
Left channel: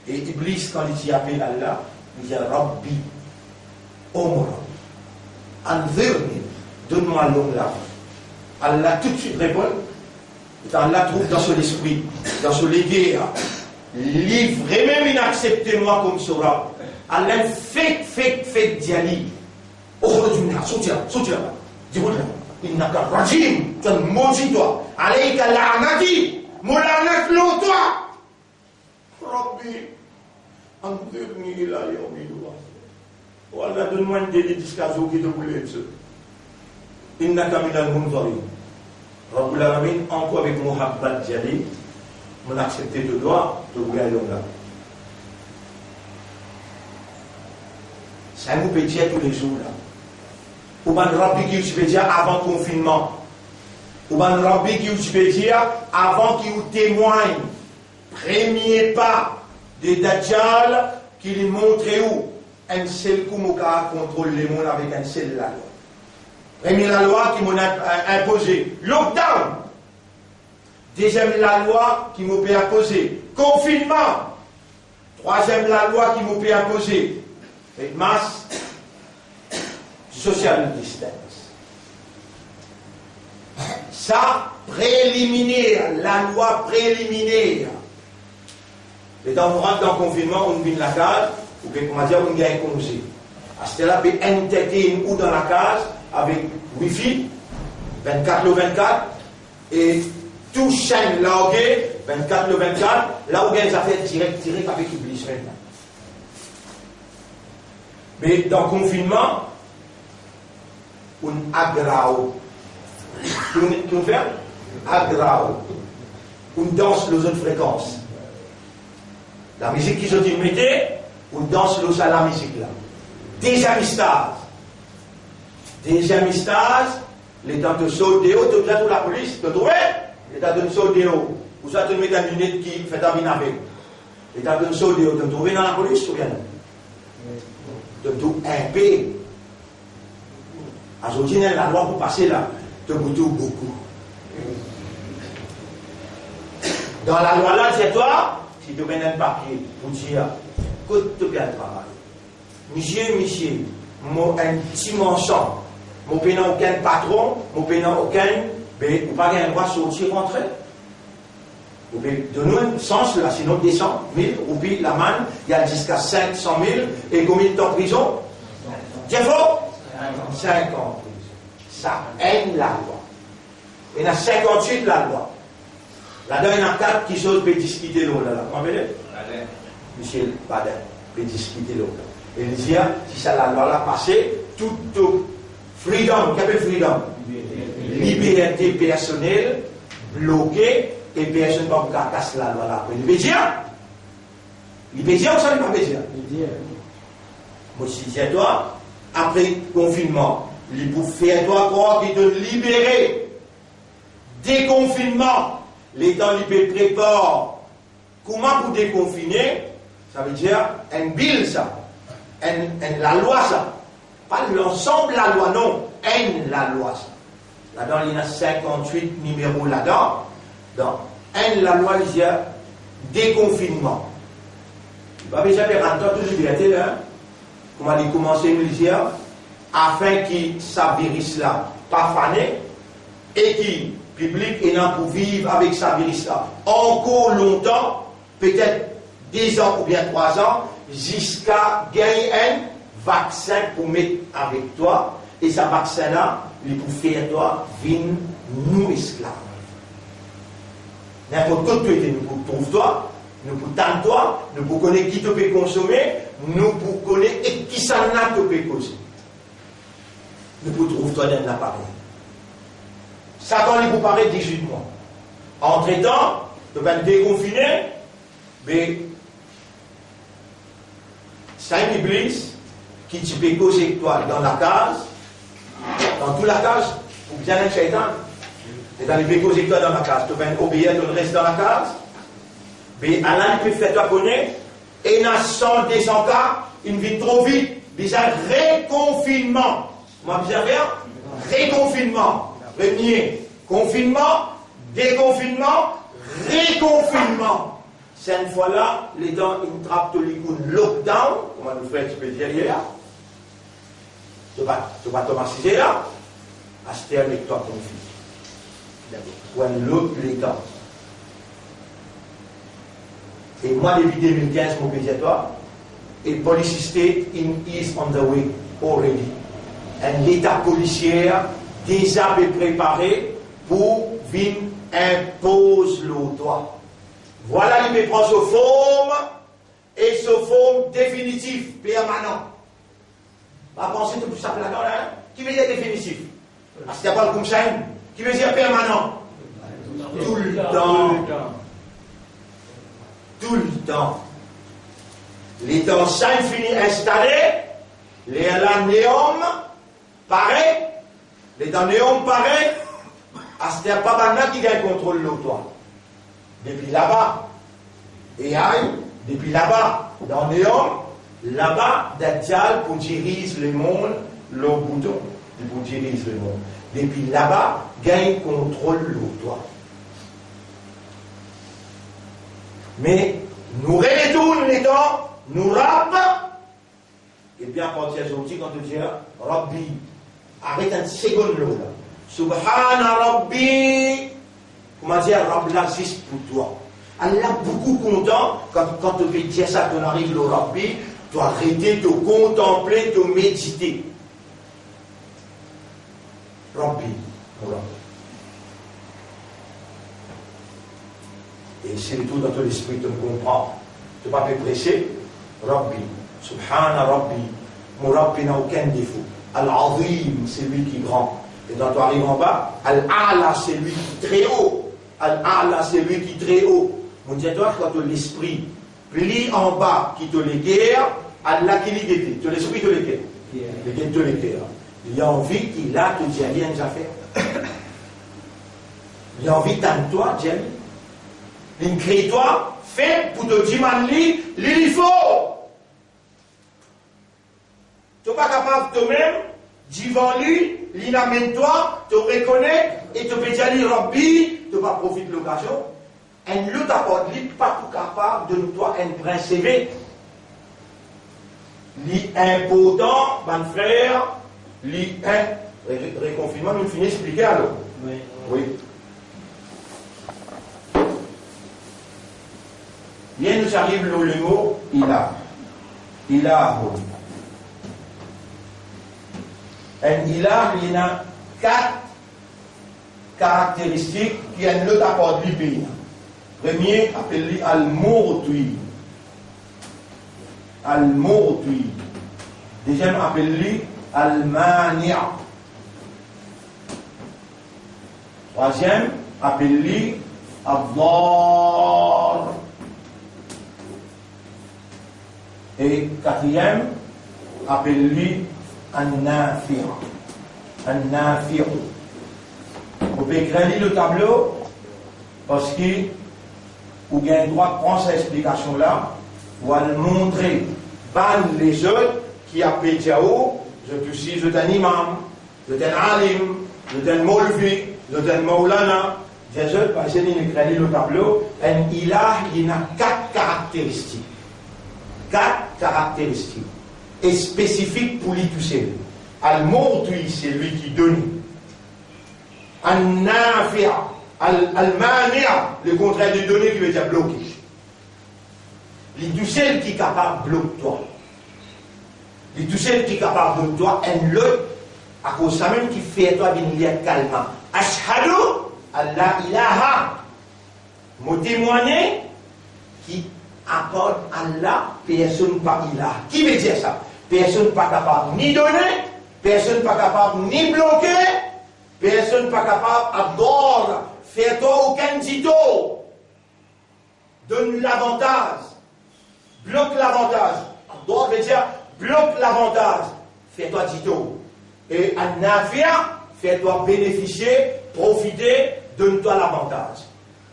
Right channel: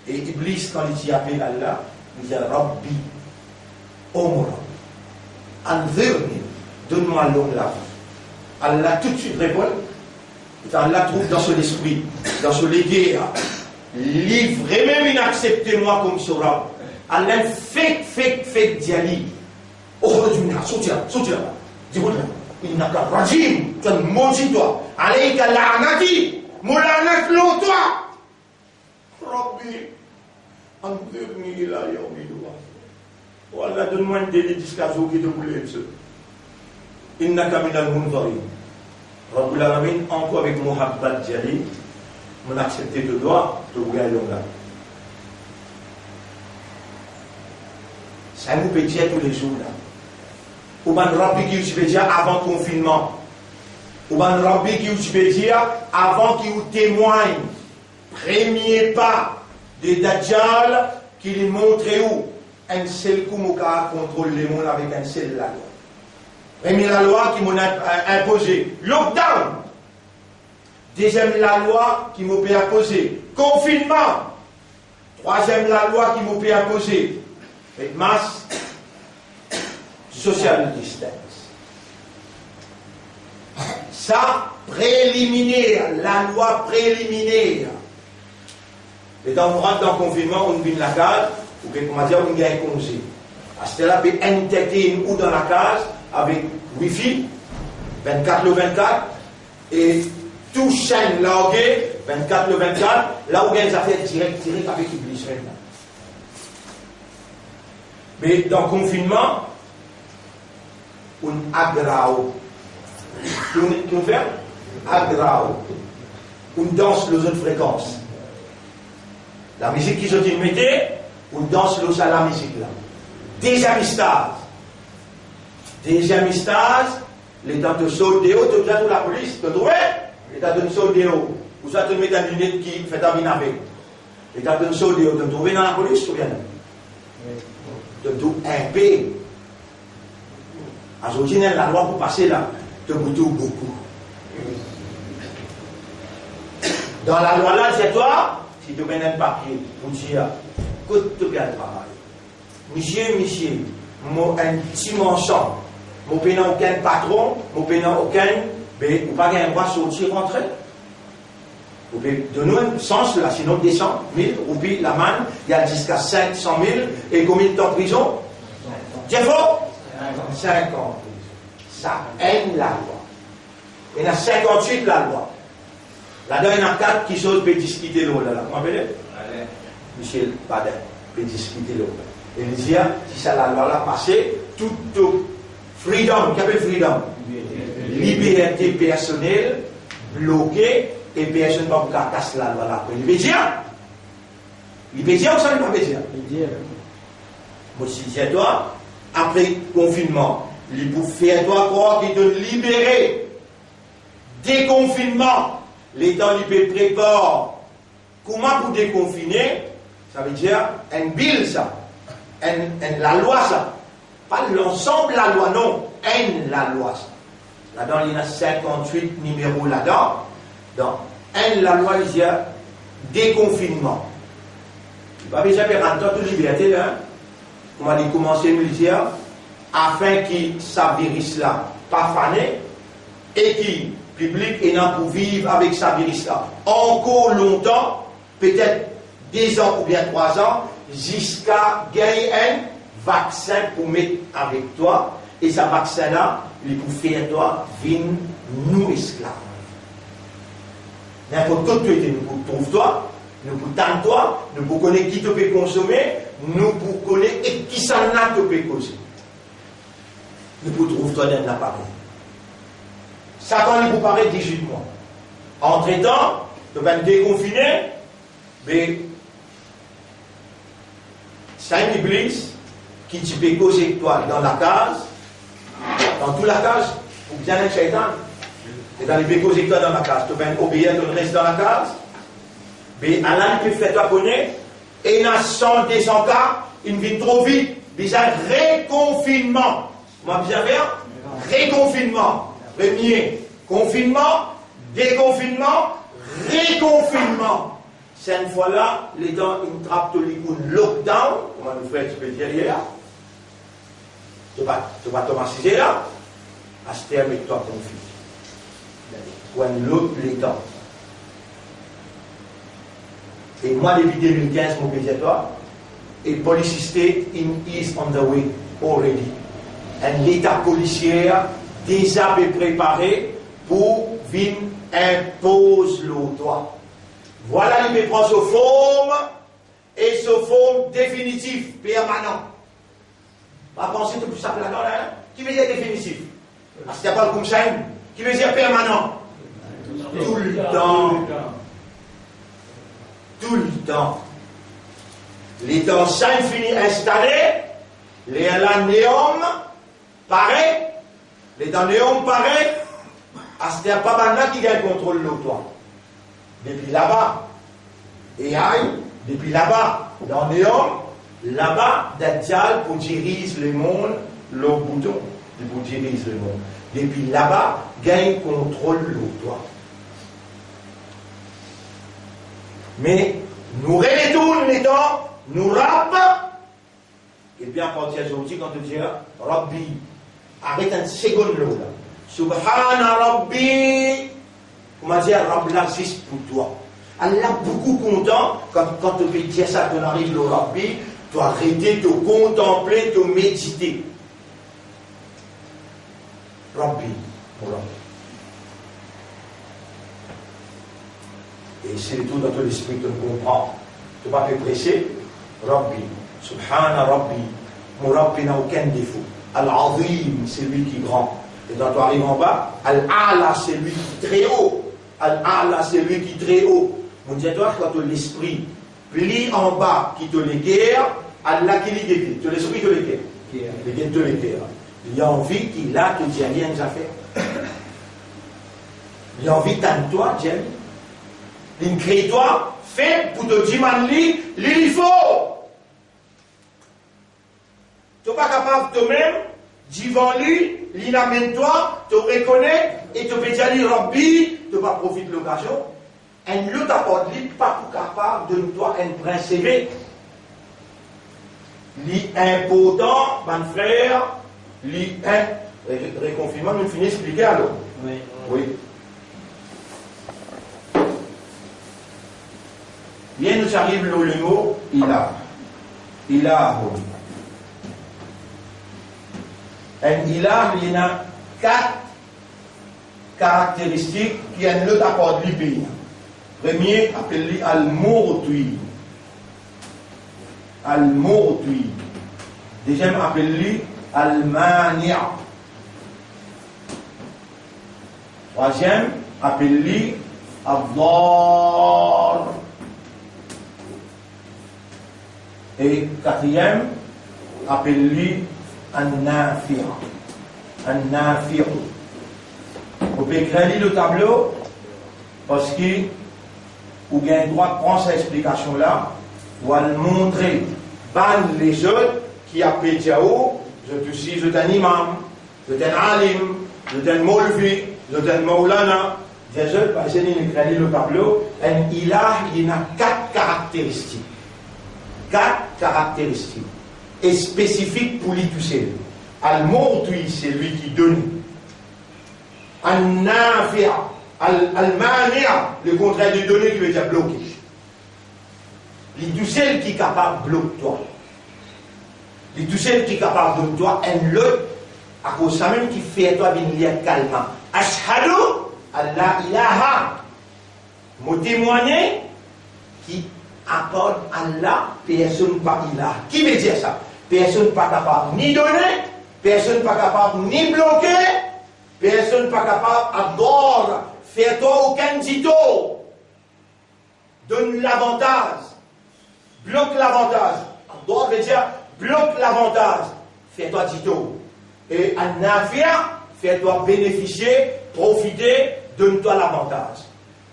Et Iblis, quand il appelle Allah, il dit Rabbi, oh Rabbi, Anzirni, donne-moi l'homme la vie. Allah tout de suite répond, et Allah trouve dans son esprit, dans son légué, livrez même inacceptez-moi comme Sorab. Allah fait diali. Oh, soutiens, dis-moi, innaka rajim, tu es maudit toi. Alayka la'anati, moulanak l'eau toi. Rabbi, anzirni ila yawmi yub'athun. Oh Allah, donne-moi un délai jusqu'à ce qui te voulait ce. Innaka minal munzarin. Rabbul Alamin, encore avec Muhabbat Diali, mon accepté de toi, te voulais là. Ça vous peut dire tous les jours là. Ou bien Rabbi qui vous dire avant le confinement. Ou bien Rabbi qui vous dire avant qu'il vous témoigne. Premier pas de Dajjal qui lui montre où un seul coup mon cas contrôle les mondes avec un seul la loi. Premier la loi qui m'a imposé lockdown. Deuxième la loi qui m'a imposé confinement. Troisième la loi qui m'a imposé masse social distance. Ça, préliminaire, la loi préliminaire. Et quand on rentre dans le confinement, on vient la case, ou bien, on va dire, on gagne un congé. À ce là on peut intégrer ou dans la case avec Wi-Fi, 24/24, et tout chaîne logué, 24/24, là où il y a des affaires directes avec Iblis maintenant. Mais dans le confinement, on aggrave. On fait aggrave. On danse les autres fréquences. La musique qu'ils ont mis, on danse à la musique là. Deuxième stage, l'état de soldéo, tout là pour la police, tu trouves? L'état de soldéo. Vous avez mis une lunette qui fait un avec. L'état de soldéo, tu trouves dans la police ou bien? De tout un pays. Aujourd'hui, la loi pour passer là, de beaucoup. Dans la loi là, c'est toi, si tu mets un papier, pour dire, écoute, tu bien le travail. Monsieur, moi, un petit mensonge, moi, je n'ai aucun patron, moi, je n'ai aucun, mais vous n'avez pas un droit de sortir, rentrer. Vous pouvez donner un sens là, sinon 200 000 roupies la manne, il y a jusqu'à 500 000, et combien de temps de prison? C'est faux? 50 ans. Ça aime la loi. Il y en a 58 la loi. Là-dedans, il y en a 4 qui sont peut discuter l'eau là. Vous m'appelez? Michel Baden, peut discuter l'eau. Et il dit, si ça la loi là passée, tout freedom, qu'est-ce que freedom? Liberté personnelle, bloquée, et personne ne va vous casser la loi là. Il veut dire ou ça ne veut pas dire? Moi, si c'est toi, après le confinement, il vous fait toi croire qu'il te libérer. Déconfinement, l'État lui prépare. Comment vous déconfiner? Ça veut dire un bill, ça. La loi, ça. Pas l'ensemble de la loi, non. La loi, ça. Là-dedans, il y en a 58 numéros là-dedans. Dans la loi, il y a déconfinement. Il va déjà faire un temps de liberté, là. On va commencer à dire, afin que ça virus là, pas fané, et qui public et non pour vivre avec sa virus là. Encore longtemps, peut-être 2 ans ou bien 3 ans, jusqu'à gagner un vaccin pour mettre avec toi, et ce vaccin-là, il pour faire toi, vin nous esclaves. N'importe quoi tu étais, nous pour trouver toi, nous pour tendre toi, nous pour connaître qui te peut consommer, nous pour connaître et qui ça n'a te peut causer. Nous pour trouver toi dans l'appareil. Satan est pour paraître 18 mois. Entre-temps, tu vas te déconfiner, mais c'est une iblis qui te peut causer avec toi dans la case, dans toute la case, pour bien être shaitan. Et dans les pécos avec toi dans la case, tu vas obéir, tu restes dans la case, mais Allah peut faire toi connaître, et dans 100, 200 cas, il vit trop vite, déjà réconfinement. Comment bien faire? Réconfinement. Premier, confinement, déconfinement, réconfinement. Cette fois-là, les gens, ils trappent le lockdown, comment nous frères, tu peux dire hier, tu vas t'automatiser là, à ce terme avec toi, conflit. Ou un l'autre les temps. Et moi, depuis 2015, mon pays à toi, et police state is on the way already. Un l'état policier déjà préparé pour venir imposer le droit. Voilà, il prend ce forme et ce forme définitif, permanent. Pas penser tout ça là-dedans, là. Qui veut dire définitif? Parce qu'il n'y a pas le conseil. Qui veut dire permanent? Tout le temps. Tout le temps. Les temps saints finis installés, les néom pareil, les temps néom pareil, à ce n'est pas maintenant qui gagne contrôle de toi. Depuis là-bas, et aïe, depuis là-bas, dans néom, là-bas, Dajjal pour diriger le monde, le bouton, pour diriger le monde. Depuis là-bas, gagne contrôle de toi. Mais nous retournons les temps, nous rappelons, et bien à partir d'aujourd'hui, quand tu dis Rabbi, arrête un second là. Subhana Rabbi, comment dire, Rabbi l'aziz pour toi. Allah beaucoup content quand tu peux dire ça, tu arrives le Rabbi, tu arrêter, te contempler, te méditer. Rabbi, mon Rabbi. Et c'est le tout dans ton esprit, tu me comprends. Tu ne vas pas te presser. Rabbi, Subhana Rabbi, mon Rabbi n'a aucun défaut. Al-Azim, c'est lui qui est grand. Et quand tu arrives en bas, Al-A'la, c'est lui qui est très haut. Al-A'la, c'est lui qui est très haut. Mon Dieu, toi, quand tu l'esprit plie en bas, qui te l'équerre, Allah qui l'équerre. Tu l'esprit te l'équerre. L'équerre te l'équerre. Il a envie qu'il a, tu dis rien à faire. Il a envie de toi, Dieu. Il crée toi, fait pour te dire, il faut. Tu n'es pas capable de toi-même, devant lui, il amène toi, te reconnaît, et te peut dire, Rabbi, tu vas profiter de l'occasion. Un l'autre apporte, il n'est pas tout capable de toi, un prince élevé. L'important, mon frère, réconfinement, nous finissons d'expliquer alors. Oui. Bien nous arrive le mot ilah. Ilahu. Un ilah, il y a 4 caractéristiques qui ont l'autre apport du pays. Premier, appelé al-Murtui. Al-Murtui. Deuxième, appelé al-Mania. Troisième, appelé al-Dar. Et quatrième, appelé An-Nafi'. An-Nafi'. Vous pouvez écrire le tableau parce que vous avez le droit de prendre cette explication-là ou à le montrer. Ban les autres qui appellent Diao, je te suis, je suis un imam, je suis un alim, je suis un molvi, je suis un maulana. Des autres, parce que vous écrivez le tableau, un ilah, il a 4 caractéristiques. 4 caractéristiques et spécifiques pour lui toucher. Al-Murtui, c'est lui qui donne. Al-nafi', al-mani', le contraire de donner qui veut dire bloquer. Les tout celles qui est capable de bloquer toi. Les tout celles qui est capable de bloquer toi, un l'autre, à cause de ça même qui fait toi venir calmement. Ashhadu Allah ilaha. Mon témoigner qui apporte Allah, personne pas ilah. Qui veut dire ça? Personne pas capable ni donner, personne pas capable ni bloquer, personne pas capable d'or, faire toi aucun dito. Donne l'avantage. Bloque l'avantage. D'or veut dire bloque l'avantage. Fais-toi dito. Et un navire, fais-toi bénéficier, profiter, donne-toi l'avantage.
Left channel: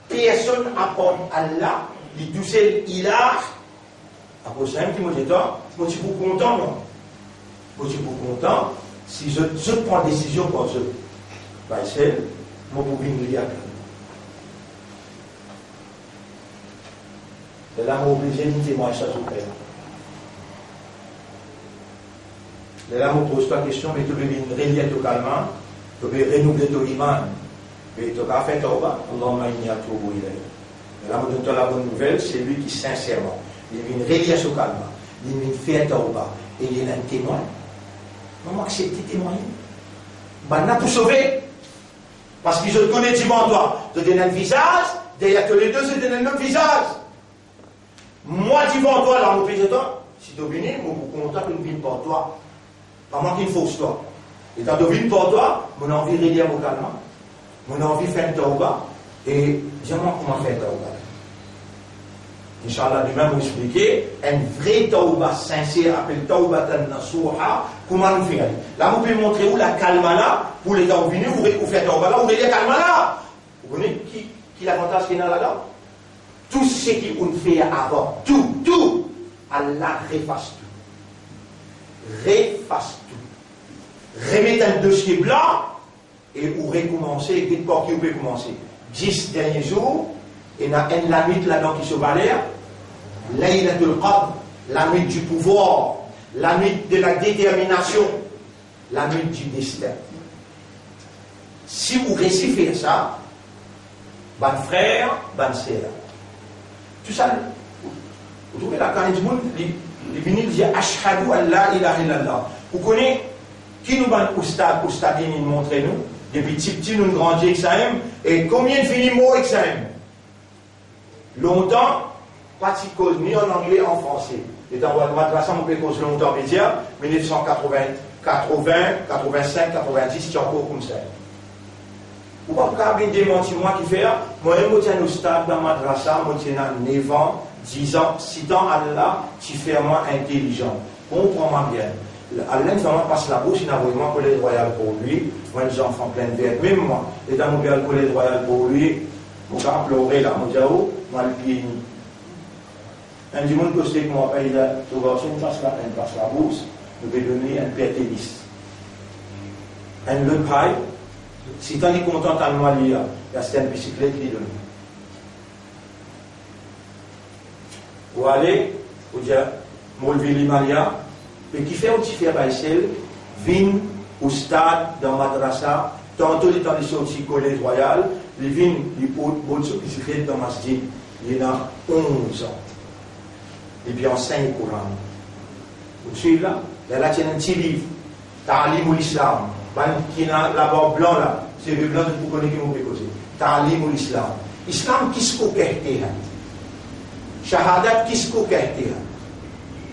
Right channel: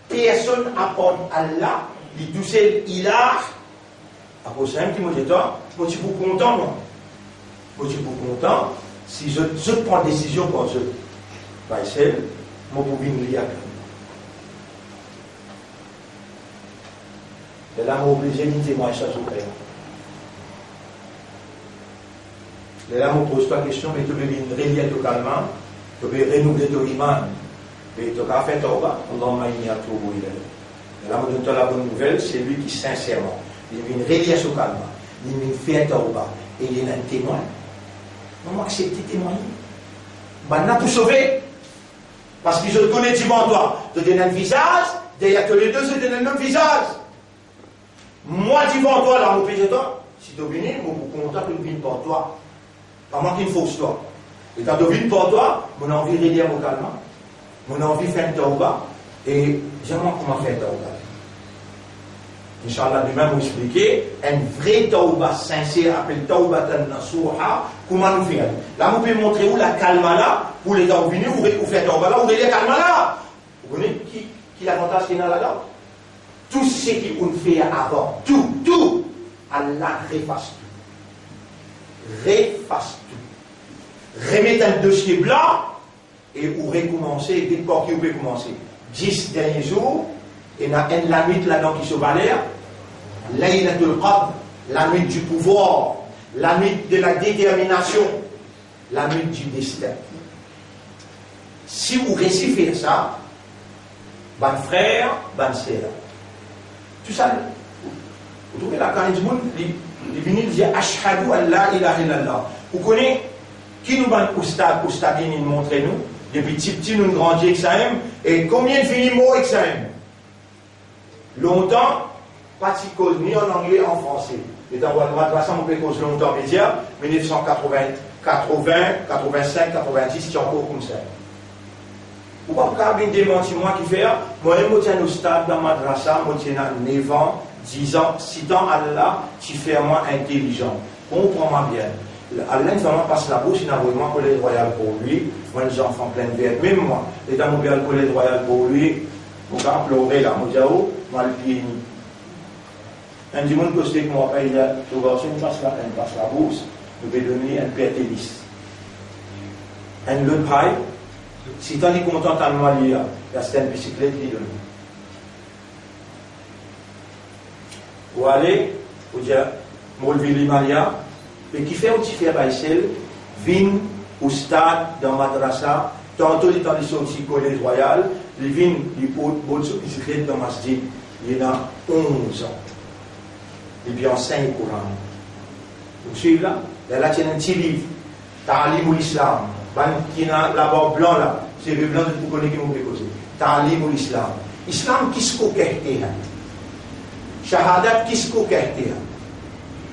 Personne apporte Allah, il dit c'est il a. Après ça, je me dis, moi, je suis content, non? Moi, je suis content si je prends décision pour ce. Bah, c'est mon pouvin lié. C'est là, mon obligé de témoigner ça sur le cœur. Et là, je ne pose pas de question, mais tu peux venir relier totalement, tu peux renouveler ton iman, et tu peux faire ton bas, Allahumma inni atubu ilayk. Et là, je donne la bonne nouvelle, c'est lui qui, sincèrement, il vient relier totalement, il vient faire ton bas, et il y a un témoin. Non, accepter témoigner. Ben, on a tout sauvé. Parce que je te connais devant toi, tu donnes un visage, derrière tous les deux, je te donne un autre visage. Moi, devant toi, là, mon péché, toi, si tu viens, je suis content que je vienne pour toi. Pas moi qui me fausse toi. Et quand je viens pour toi, mon envie de relire mon calme, mon envie de faire un tauba, et j'aimerais comment faire un tauba. Inch'Allah, lui-même vous expliquer, un vrai tauba sincère, appelé taubatan nasuha, comment nous faire. Là, vous pouvez montrer où la calme là, pour les gens venus, vous faites tauba là, vous relire calme là. Vous voyez qui l'avantage qu'il y a là-dedans? Tout ce qui on fait avant, tout, Allah refasse tout. Refasse tout. Remettez un dossier blanc et vous recommencez, dès que vous pouvez commencer. 10 derniers jours, et il y a la nuit là-dedans qui se balère, Laylatul Qadr, la nuit du pouvoir, la nuit de la détermination, la nuit du destin. Si vous réussissez ça, bon frère, bonne sœur, tout ça, vous trouvez la carrière du monde, les vinyles disent Ashhadu an la ilaha illallah. Vous connaissez qui nous va au stade nous montre nous, depuis petit nous grandissons avec ça, et combien de finis mots avec ça? Longtemps, pas de cause ni en anglais, en français. Et dans la madrasa, on peut cause longtemps média, 1980, 85, 90, c'est encore comme ça. Ou pas pour bien démentir moi qui fait, moi je suis au stade dans la madrasa, moi je suis 9 ans, 10 ans, 6 ans, Allah, tu fais moi intelligent. Comprends-moi bien. Allah vraiment passe la bouche, il a vraiment un collège royal pour lui, moi les enfants plein de verre, même moi, et dans mon père le collège royal pour lui, pour quand pleurer là, moi le pied ni. Un du monde que c'est que moi, il a trouvé une passe la bourse, nous vais donner un père tennis. Un le paille, si tu es content à moi, il y a une bicyclette qui donne. Ou aller, ou dire, Molvili Maria, et qui fait aussi faire Baïsel, vin au stade dans Madrasa, tantôt il est dans les sorties collège royal, il vient, il pose sur bicyclette dans Masjid, il a 11 ans. Et puis enseigne le Coran. Vous suivez là? Il y a là, un petit livre, Ta'alim ou l'Islam. Qui est là-bas blanc là, c'est le blanc de vous connaissez qui m'ont déposé. Ta'alim ou l'Islam. Islam, qu'est-ce qu'on कहते हैं? Shahadat, qu'est-ce qu'on कहते हैं?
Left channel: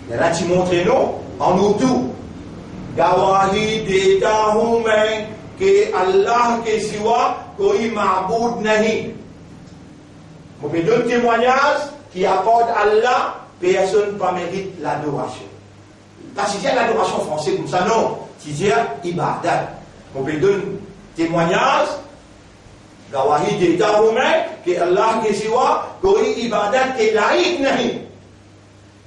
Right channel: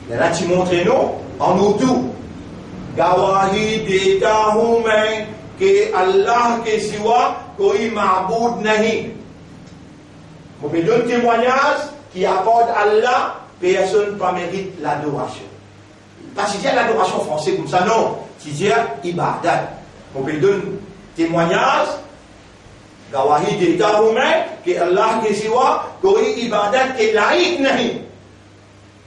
Il y a là, tu montres nous, en Urdu. Gawahi deta हूँ मैं कि अल्लाह के सिवा कोई माबूद नहीं. Vous pouvez donner un témoignage qui apporte Allah. Personne ne mérite l'adoration. Pas si dire l'adoration française comme ça, non. Si dire ibadat. On peut donner témoignage. Gawahi d'État roumain, que Allah que siwa, koi ibadat que laïc nahi.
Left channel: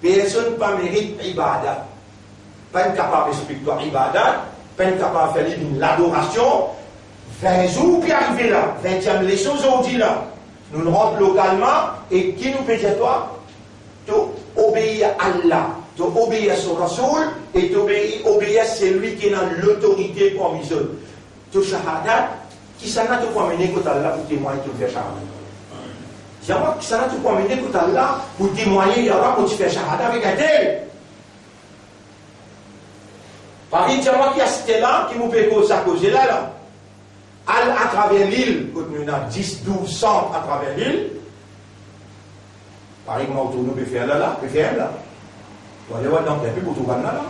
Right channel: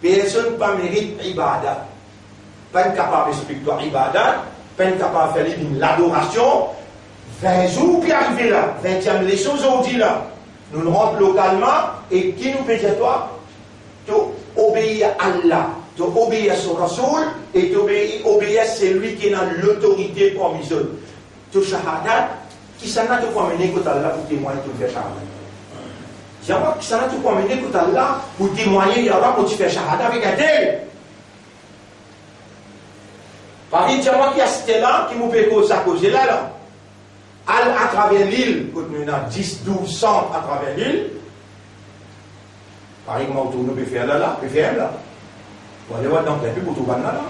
Personne ne mérite ibadat. Pas capable d'expliquer ibadat, pas capable de faire l'adoration. 20 jours puis arriver là, 20e leçon aujourd'hui là. Nous rentrons localement et qui nous peut dire toi? Tu obéis à Allah, tu obéis à son Rasoul et tu obéis à celui qui a l'autorité pour mission. Tu shahadat, qui s'en a tout amené quand Allah pour témoigner tout faire shahada. Dis-moi qui s'en a tout amené quand Allah pour témoigner il y aura pour faire shahada avec un tel. Par exemple, dis-moi qui a cité là qui nous fait cause à cause là. À travers l'île, quand nous avons 10, 12 centres à travers l'île, par exemple, nous pouvons faire là, peut faire là. On va aller voir dans le pour tout le monde là.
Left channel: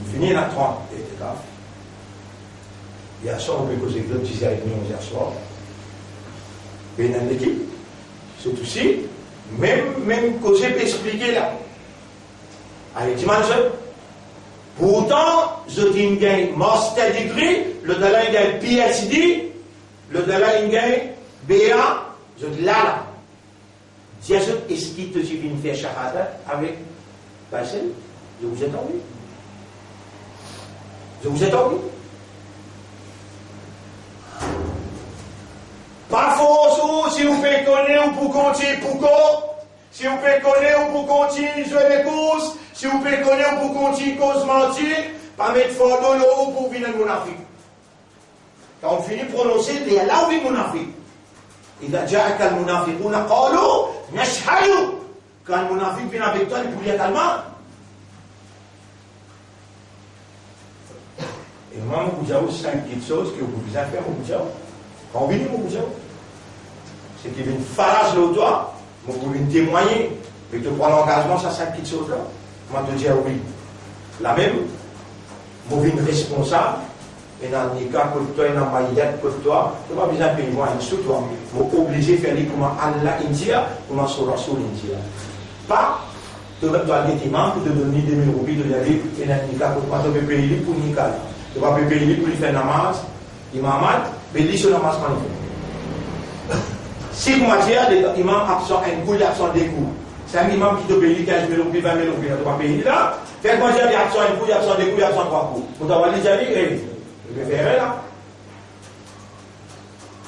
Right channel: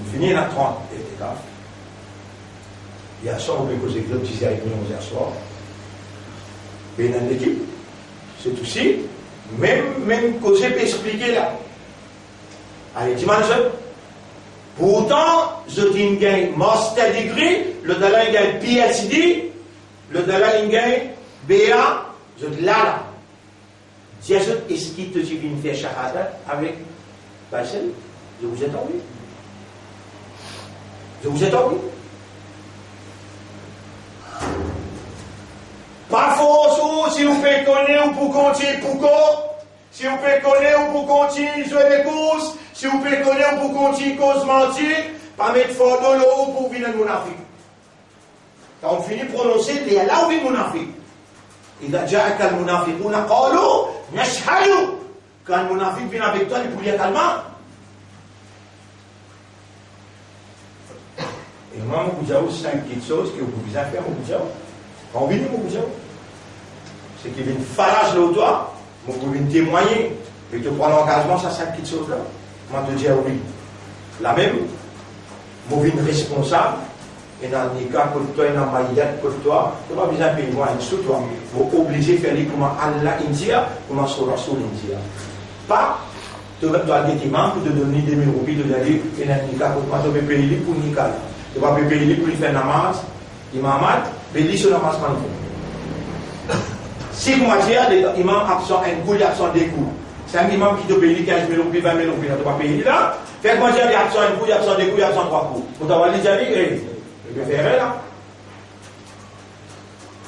On finit à 30 et c'est grave. Il y a ça, on peut causer que petit avec nous hier soir. Et dans l'équipe, c'est aussi, même causer peut expliquer là. Allez, dimanche, pourtant, je dis qu'il master degree, le dollar il gagne PhD, le dollar il gagne BA, je dis là. Dis est-ce qu'il te dit de faire shahada avec Bassel? Je vous ai entendu. Je vous ai entendu. Pas faux, si vous pouvez connaître ou pour continuer, pourquoi? Si vous pouvez connaître ou pour continuer, jouer des courses, si vous pouvez connaître ou pour continuer, cause mentir, pas mettre fort dans l'eau pour venir mon Afrique. Quand on finit de prononcer, il y a là où il mon Afrique. إذا جاءك المنافقون قالوا نشهد. Quand le munafiq vient avec toi, il peut dire calmement. Et moi, je vous dis 5 petites choses que vous pouvez faire au Boudjao. Quand on vient au Boudjao, c'est qu'il y a une farage là toi, vous pouvez témoigner et te prendre l'engagement sur 5 petites choses là. Moi, je te dis oui. La même, vous êtes responsable. Et dans le cas, pour toi, et dans le maïdette, pour toi, tu n'as pas besoin de payer moi, sous toi. Vous êtes obligé de faire comment Allah India, comment Surah India. Pas, tu dois aller tes mains pour te donner 2000 roupies, de aller, et dans le cas, pour toi, tu peux payer pour Nika. Tu vas payer pour lui faire namaz, imamad, mais lui, ce namaz, pas nous. Si vous m'avez dit, l'imam absent un coup, il absent des coups. C'est un imam qui te paye 15 000 roupies, 20 000 roupies, tu vas payer là. Faites-moi dire, il absent un coup, il absent des coups, il absent 3 coups. Vous t'avez dit, tu peux faire là.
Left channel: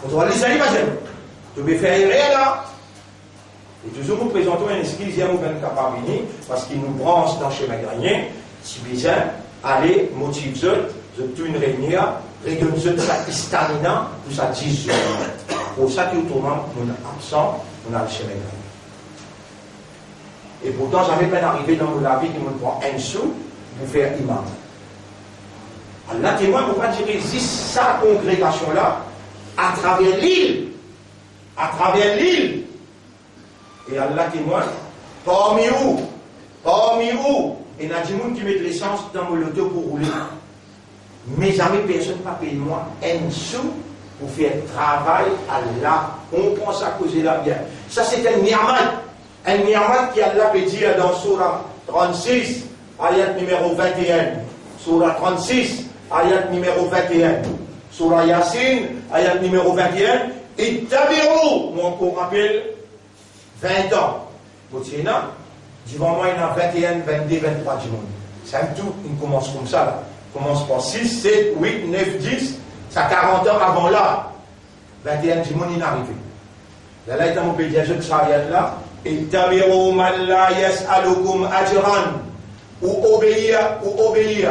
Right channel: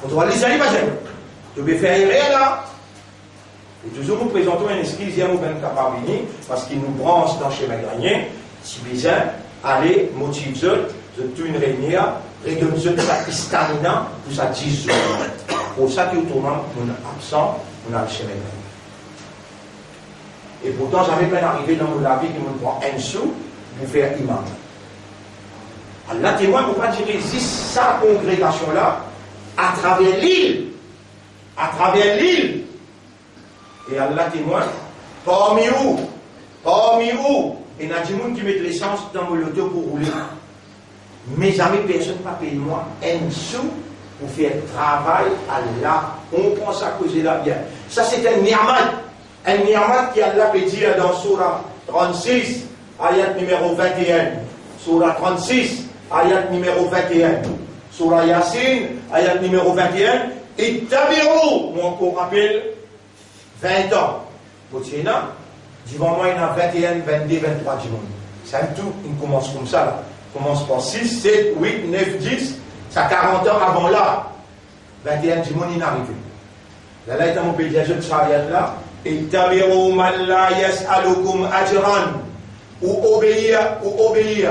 On doit les aller, tu peux faire là. Et toujours nous présentons un esprit, nous sommes capables parce qu'il nous branche dans le schéma grenier. Si besoin, aller motiver toute une réunion, réunion sa stamina, pour sa 10 jours. Pour ça que autrement, nous sommes absents, nous avons le schéma grenier. Et pourtant, j'avais pas arrivé dans la vie qui me prend un sou pour faire imam. Allah témoin ne peut pas dire existe sa congrégation-là à travers l'île. À travers l'île. Et Allah témoin, parmi où, il y a des gens qui mettent l'essence dans mon loto pour rouler. Mais jamais personne ne va payer moi un sou pour faire travail à Allah. On pense à causer là bien. Ça c'est un ni'mat. Un ni'mat qui Allah peut dire dans Surah 36, ayat numéro 21. Surah 36. Ayat numéro 21. Surah Yasin, ayat numéro 21. Et Tabiru, moi on rappelle 20 ans. Botsina, devant moi il y en a 21, 22, 23 du monde. C'est un tout, il commence comme ça. Là. Il commence par 6, 7, 8, 9, 10. Ça 40 ans avant là. 21 du monde il est arrivé. Là, il y a mon pays de ça là. Et Tabiru man la yas'alukum ajran. Ou obéir.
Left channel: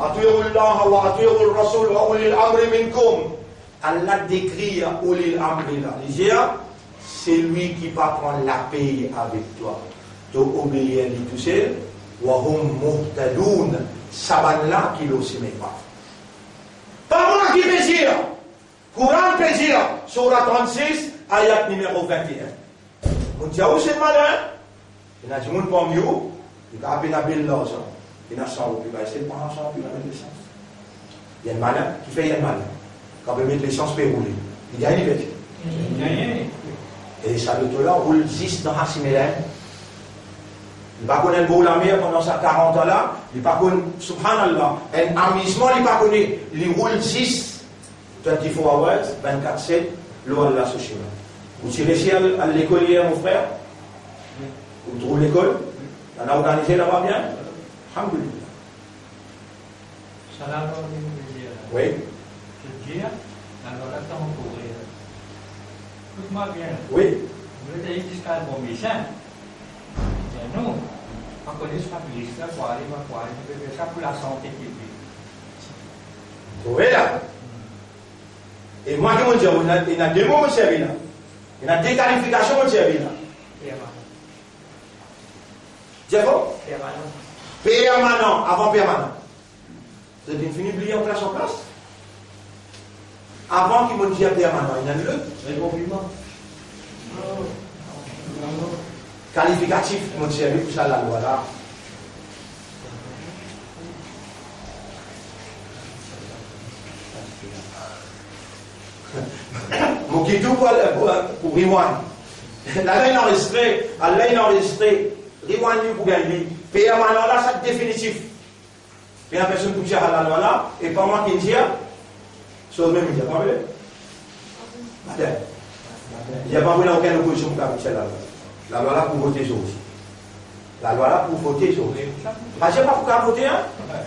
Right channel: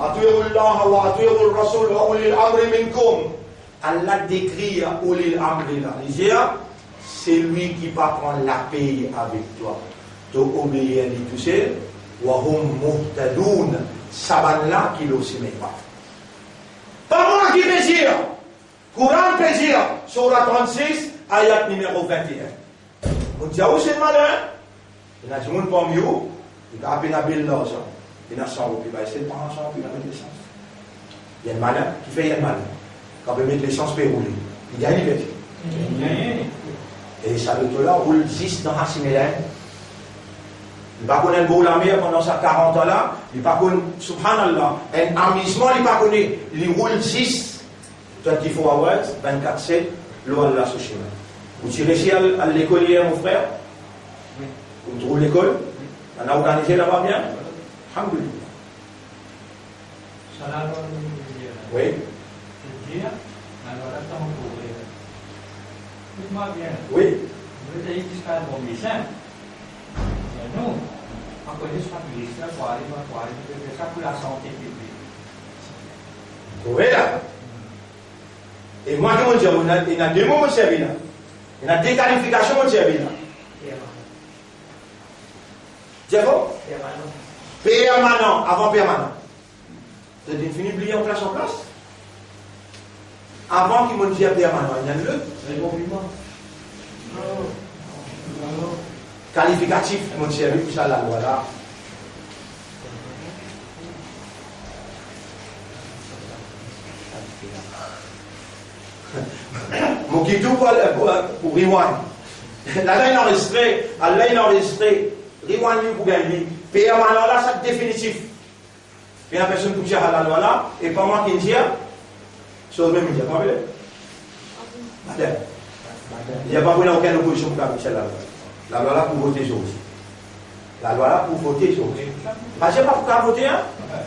أطيعوا الله وأطيعوا الرسول وأولي الأمر منكم. Allah décrit à Ouli l'Amr là. C'est lui qui va prendre la paix avec toi. Tu obéis à lui tout seul. Wahum muhtadoun. Saban là qui le s'aime pas. Pas moi qui plaisir. Courant plaisir. Surah 36, ayat numéro 21. Vous dites, où c'est malin? Il y a du monde parmi vous. Il a à peine appelé là. Il y a 100 roupies, il va essayer de prendre 100 roupies, il va mettre l'essence. Il y a un malin qui fait un malin. Quand il met l'essence, il peut rouler. Il gagne, il gagne. Et ça, le là roule 6 dans Hassimélène. Il ne connaît pas la mer pendant sa 40 ans là. Il ne connaît pas, subhanallah, un amusement, il ne connaît pas. Il roule 6, 24 hours, 24/7, l'eau là sur chemin. Vous tirez ici à l'école hier, mon frère? Vous trouvez l'école? On a organisé là-bas bien? Alhamdulillah. Oui. Je dis, alors là, on pourrait. Écoute-moi bien. Oui. Vous avez dit jusqu'à bon médecin. Mais nous, on connaît ce qu'on ça pour aller, ça pour la santé publique. Oui là. Et moi, je dis, il y a deux mots, mon service là. Il y a des qualifications, mon service là. Diego? Permanent, avant permanent. C'est une finie oubliée en place en place. Avant qu'il me dise permanent, il y a le qualificatif, mon service, tout ça, la loi là. Mon guide pour rewind. Là, il enregistré, rewind pour gagner. Permanent là, c'est définitif. Il y a personne qui tire à la loi là, et pas moi qui tire, sur le même média. Comment vous voulez? Il n'y a pas aucune opposition pour la loi. La loi là pour voter sur aussi. La loi là pour voter sur aussi. Parce que pas pour voter, hein?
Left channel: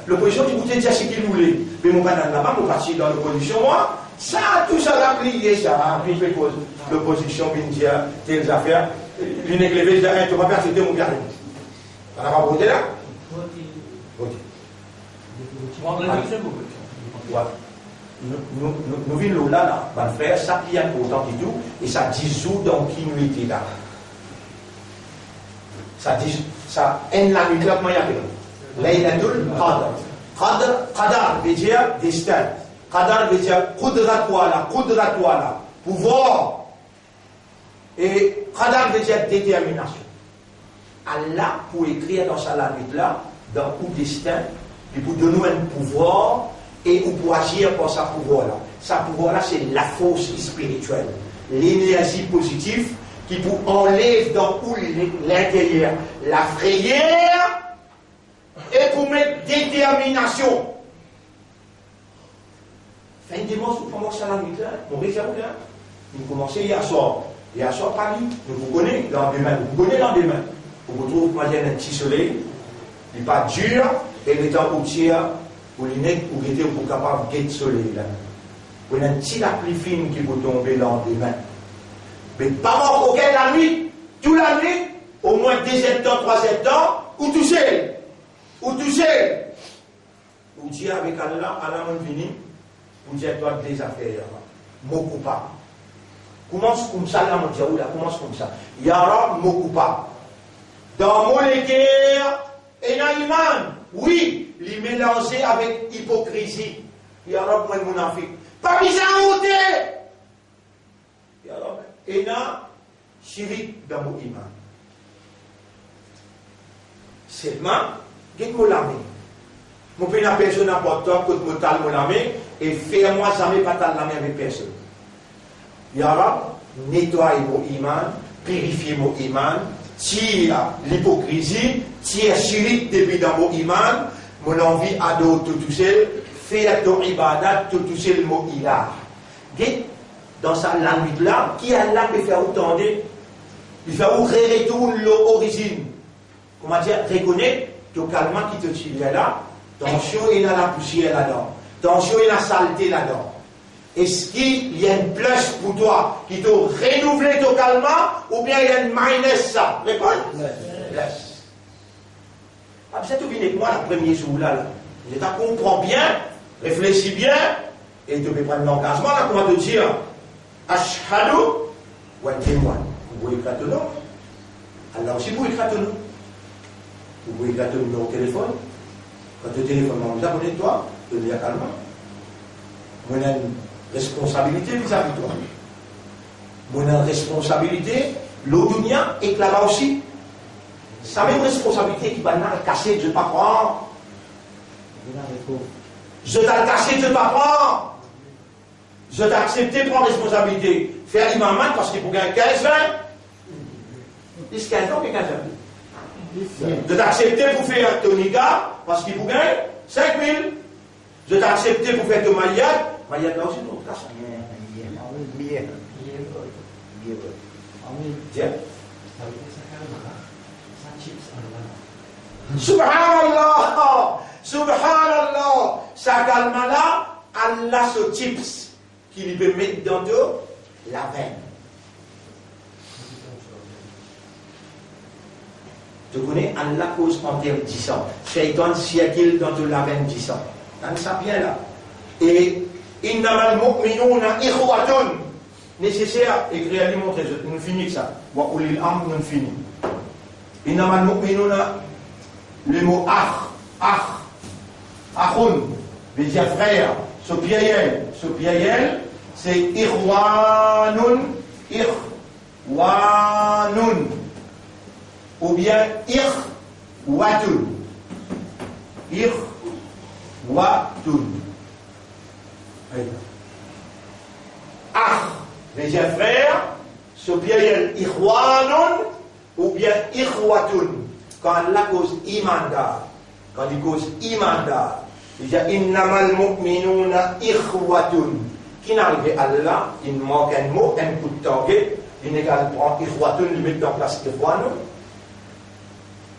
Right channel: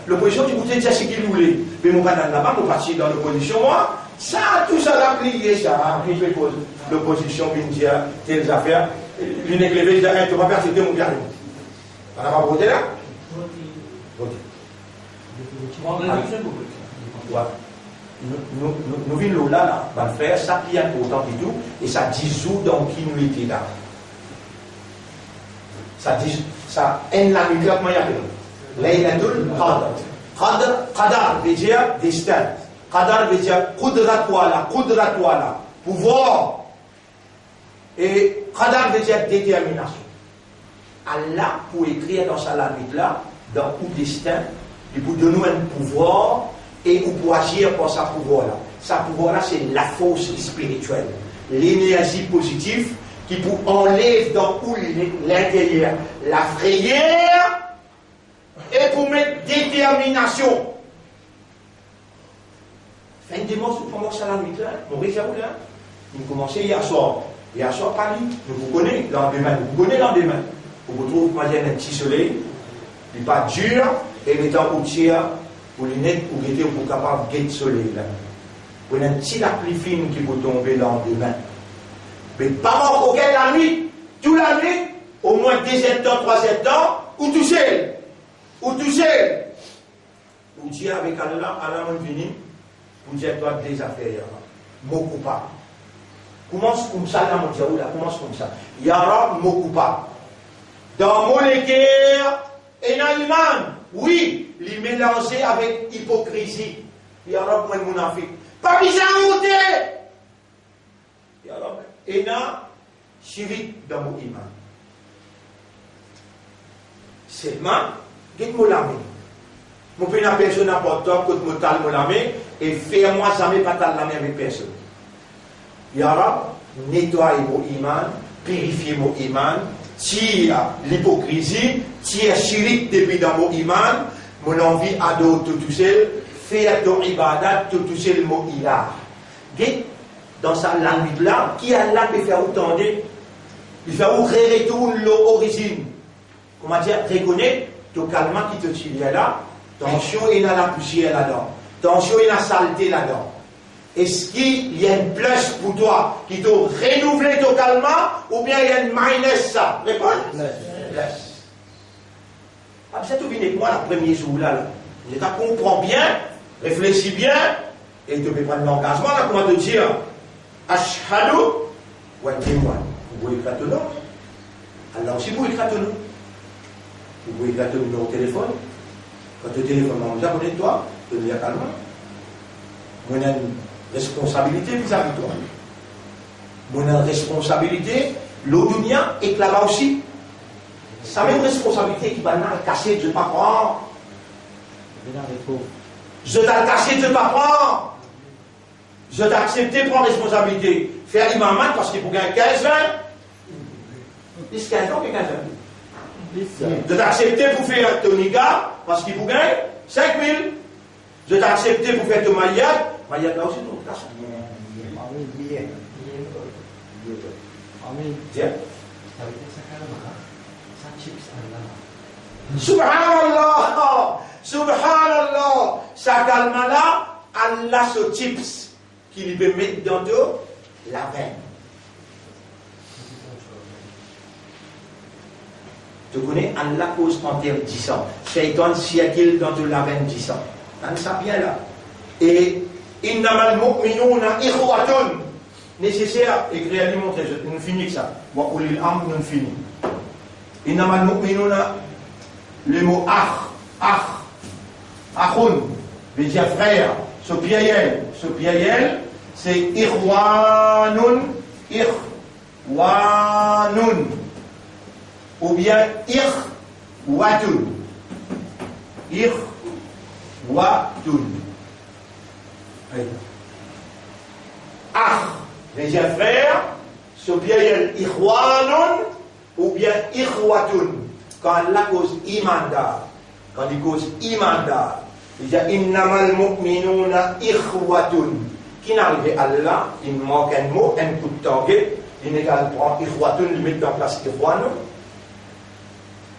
L'opposition qui votait déjà ce qu'il voulait. Mais mon canal là-bas, mon parti dans l'opposition, moi, ça, tout ça l'a plié, ça. Puis je cause l'opposition, puis dire telles affaires. L'une est levée, je dis, tu vas persécuter mon gars. On n'a pas voté là? Voter. Nous vivons là, mon frère, ça plie autant du tout, et ça dissout dans qui nous était là. Ça aime la nuit, clairement, il y a plus. Laylatul Qadr. Qadar veut dire destin. Qadar veut dire Qudratwala, pouvoir. Et Qadar veut dire détermination. Allah, pour écrire dans sa langue là, dans le destin, et pour donner un pouvoir, et pour agir pour sa pouvoir là. Sa pouvoir là, c'est la force spirituelle, l'énergie positive qui pour enlève dans l'intérieur la frayeur et pour mettre détermination. Fin de dimanche, nous commençons à la nuit là, mon réserve là, nous commençons hier soir. Hier soir, Paris, vous connaissez l'endemain, vous retrouvez moi j'ai un petit soleil, il n'est pas dur, et les temps où tire, pour les nets, pour guetter, pour capable de guetter le soleil là. Vous avez un petit la plus fine qui vous tombe l'endemain. Mais pas encore la nuit, toute la nuit, au moins 2 temps, 3 temps, ou tout seul. Ou dire avec Allah, Allah m'a venu, pour dire toi des affaires, beaucoup pas. Commence comme ça, là, mon Dieu, là, commence comme ça. Yara, beaucoup pas. Dans mon équerre, et dans l'imam, oui, les mélanger avec hypocrisie. Yara, moi, mon affaire. Pas bizarre, Yara, et dans chirik dans mon imam. Seulement, dites-moi la main. Mon père n'a personne important que je me tale la main et fais-moi jamais pas tale la main avec personne. Yara, nettoie mon iman, purifie mon iman, tire l'hypocrisie, tire chirik depuis dans mon iman, mon envie à d'autres tout seul, fais ton ibadat tout seul mon ilah. Dites, dans sa langue là, qui a là peut faire autant de, il fait où retourne l'origine. Comment dire, reconnaître le calme qui te tire là, tension il y a la poussière là-dedans, tension il y a la saleté là-dedans. Est-ce qu'il y a une plus pour toi qui te renouvelle ton calme ou bien il y a une minus ça? Réponds. Plus. Ah, vous êtes avec moi le premier jour là. Je te comprends bien, réfléchis bien et tu peux prendre l'engagement là, comment te dire Ashhadu wa témoin. Vous pouvez écrire ton nom. Allah aussi vous écrire ton nom. Vous pouvez écrire ton numéro de téléphone. Quand tu téléphones, on vous abonne de toi, tu le dis calmement. On a une responsabilité vis-à-vis de toi. On a une responsabilité, l'audunia et là-bas aussi. Ça même responsabilité qui va le cacher, je ne vais pas prendre. Je t'ai caché, je ne vais pas prendre. Je t'ai accepté de prendre responsabilité. Faire l'imam parce qu'il faut gagner 15 ans. 10, 15 ans, 15 ans. Je t'ai accepté pour faire ton niga parce qu'il faut gagner 5 000. Je t'ai accepté pour faire ton maillard. Maillard là aussi, non, là, ça. Tiens. Subhanallah. Subhanallah. Ça calme là, Allah se chips qu'il veut mettre dans la veine. Tu connais Allah cause interdisant. Shaitan siècle dans la veine disant. Dans ça bien là. Et Innamal mu'minuna ikhwatun. Nécessaire, écrire à montrer, nous finissons ça. Wa ulil amr, nous finissons. Innamal mu'minuna, le mot akhun, veut dire frère, sopiayel, c'est irwanun, ou bien irwatun. Veut dire frère, sopiayel irwanun, ou bien ikhwatun. Quand Allah cause imandar, quand il cause imandar, il dit innamal mu'minuna ikhwatun. Qui n'arrive à Allah, il manque un mot, un coup de target, il n'est qu'à prendre ikhwatun, il met en place ikhwanun.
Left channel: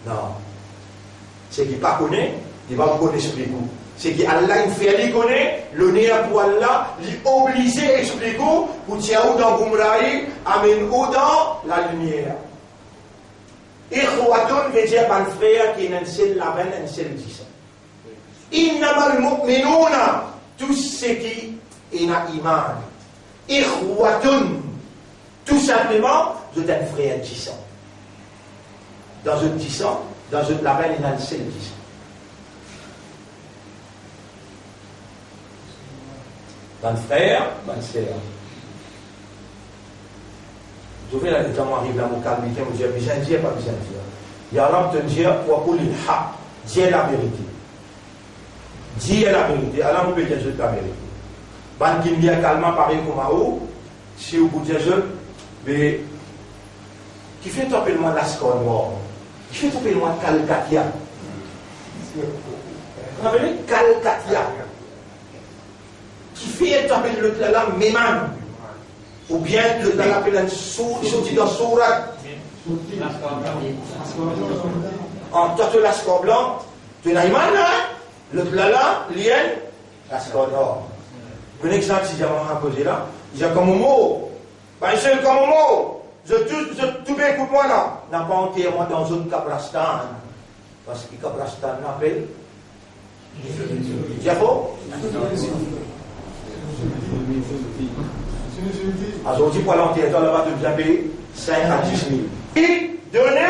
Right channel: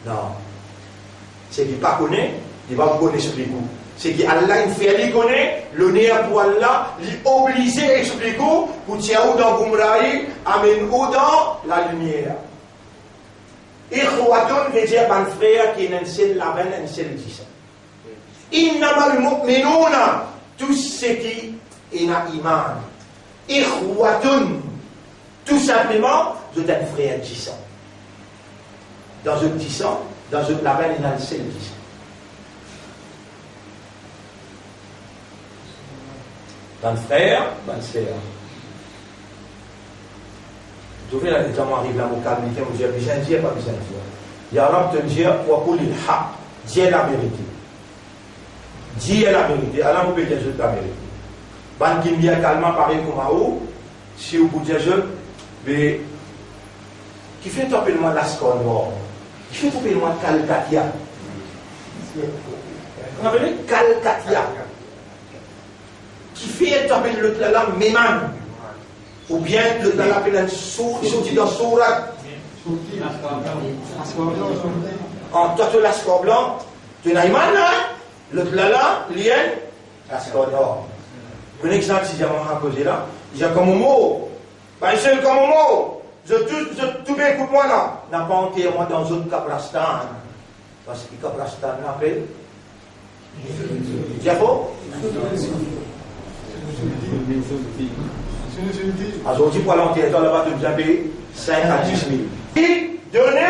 Non. C'est qu'il pas connaît, il va vous connaître sur les coups. C'est qu'Allah, il fait aller connaître, le nez pour Allah, il est obligé à expliquer, pour tirer ou dans Gumrahi, amène ou dans la lumière. Ikhwatun veut dire un frère qui est un seul label, un seul disant. Innamal mu'minuna, tout ce qui est un iman. Ikhwatun, tout simplement, c'est un frère disant. Dans un disant, dans un label, il y a un seul disant. D'un frère, d'un sœur. Je vais là, quand arrive là, mon calme, je me dis, besoin de dire, pas besoin de dire. Il y a l'homme qui te dit, pour les haq, dire la vérité. Dire la vérité. Alors, vous pouvez dire la vérité. Ban qui me dit calmement, pareil comme à vous, si vous pouvez dire, mais, qui fait tomber le moins la score noire? Qui fait tomber le moins Calcatia? Vous avez vu? Calcatia. Qui fait tomber le là, Méman. Ou bien le dans l'appel sorti dans Sourat. En toi, tu as score blanc, tu as Iman, le là, lien, la score d'or. Un exemple, si j'ai un posé là, il y a comme un mot, pas seul comme un mot, je tout bien écoute moi là, n'a pas enterré moi dans un Kabrastan, parce que Kabrastan n'appelle. C'est faux? Aujourd'hui, pour l'enterrer, on va te payer 5 à 10 000. Et donner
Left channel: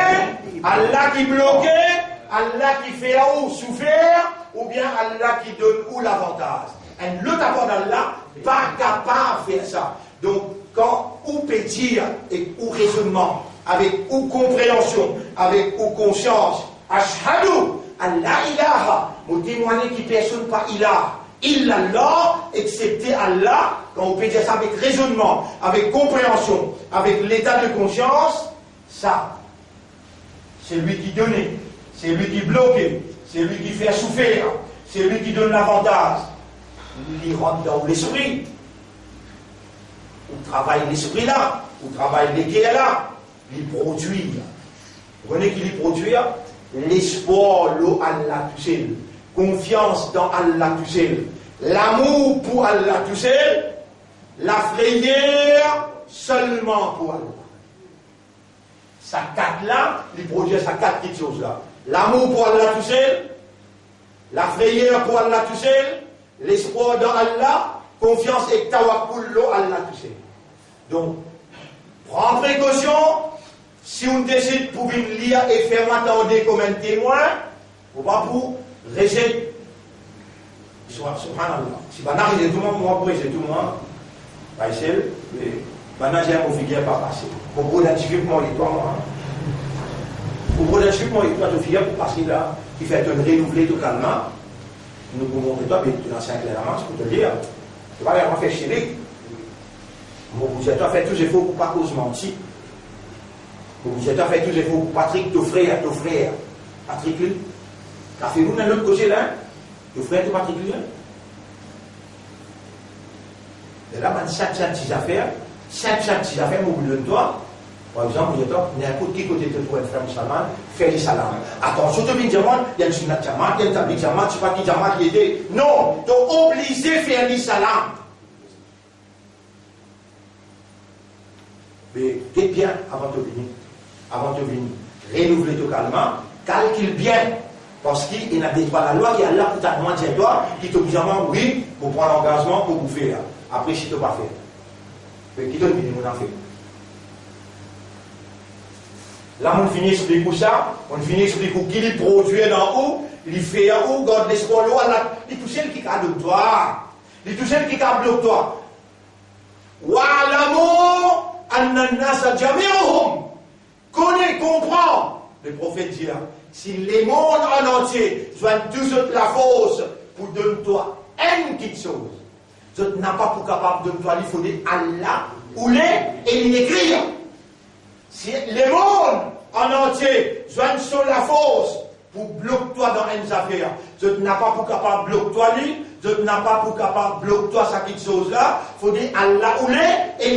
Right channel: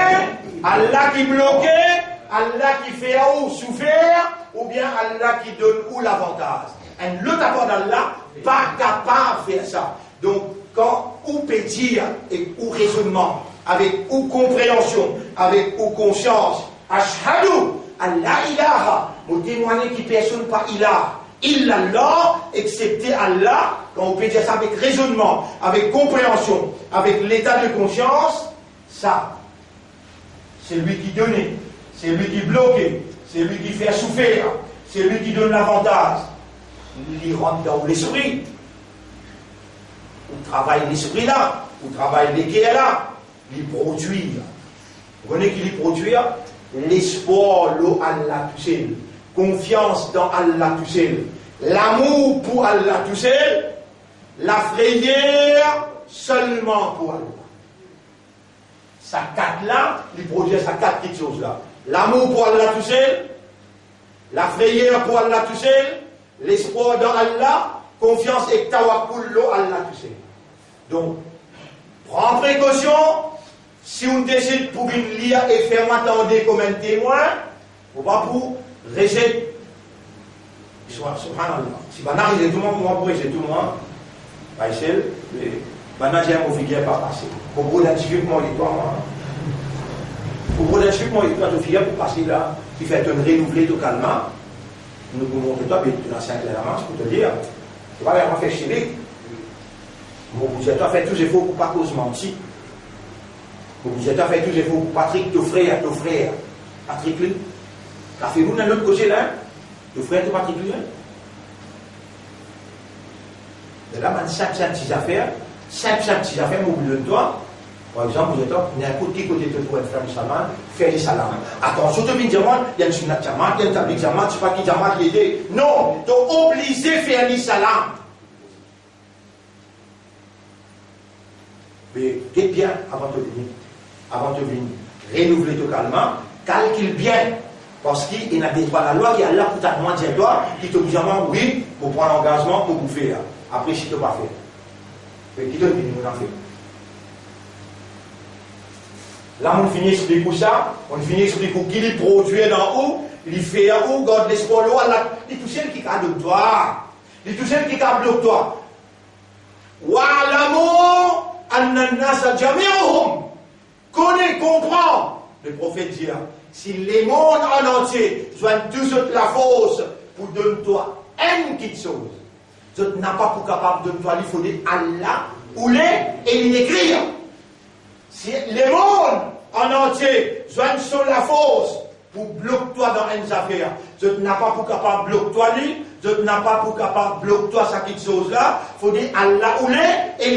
Allah qui bloquait, Allah qui fait ou souffert, ou bien Allah qui donne ou l'avantage. Et l'autre avant d'Allah, pas capable de faire ça. Donc, quand ou peut dire, et ou raisonnement, avec ou compréhension, avec ou conscience, ashhadu, Allah ilaha, vous témoignez qui personne pas ilaha. Illallah, excepté Allah, quand on peut dire ça avec raisonnement, avec compréhension, avec l'état de conscience, ça, c'est lui qui donnait, c'est lui qui bloquait, c'est lui qui fait souffrir, c'est lui qui donne l'avantage. Il rentre dans l'esprit, on travaille l'esprit là, on travaille l'équerre là, il produit. Vous voyez qu'il produit l'espoir, l'eau Allah tout seul. Confiance dans Allah tout seul, l'amour pour Allah tout seul, la frayeur seulement pour Allah. Ça quatre là, il produit ça quatre petites choses là. L'amour pour Allah tout seul, la frayeur pour Allah tout seul, l'espoir dans Allah, confiance et tawakkul lo Allah tout seul. Donc, prends précaution, si on décide pour venir lire et faire m'attendre comme un témoin, ou pas pour rejet, subhanallah. Si on arrive tout le monde, on va rejeter tout le monde. Pas seul, mais maintenant j'ai un mot figure pas passer. Pour identifier mon histoire, moi. Pour identifier mon histoire, je figure pour passer là, qui fait un renouveler tout calmement. Nous pouvons montrer toi, mais tu l'as clairement, je peux te dire. Tu vas vraiment faire chier. Mon budget a fait tous les efforts pour pas cause mentir. Mon budget a fait tous les efforts pour Patrick, ton frère. Patrick, lui. T'as fait nous dans l'autre côté là, le frère de Patrick lui. Et là, man, chaque petite affaire, au bout de toi, par exemple, vous êtes n'importe qui côté de toi, frère musulman, faire des salams. Attention, tu viens dire, il y a une sunnat jamat, il y a une tablik jamat, je sais pas qui jamat qui était. Non, tu es obligé de faire des salams. Mais t'es bien avant de venir. Renouveler tout calmement, calcule bien. Parce qu'il n'a pas la loi qui est là pour t'annoncer toi, qui te dit oui, pour prendre l'engagement pour vous faire. Après, si tu n'as pas fait. Mais qui te dit qu'on a fait? Là, on finit sur les coups ça, on finit sur les coups qui les produit dans haut, il fait en haut, garde l'espoir là, il touche celle qui a de toi. Il touche celle qui a de toi. Wa'lamu anna an-nasa jami'uhum. Connais, comprends. Le prophète dit, si les mondes en entier joignent tous la force pour donner toi une petite chose, tu n'as pas pour capable de toi, il faut dire Allah ou les et il écrit. Si les mondes en entier joignent sur la force pour bloquer toi dans une affaire, tu n'as pas pour capable de bloquer toi, tu n'as pas pour capable de bloquer toi cette petite chose là, il faut dire Allah ou les et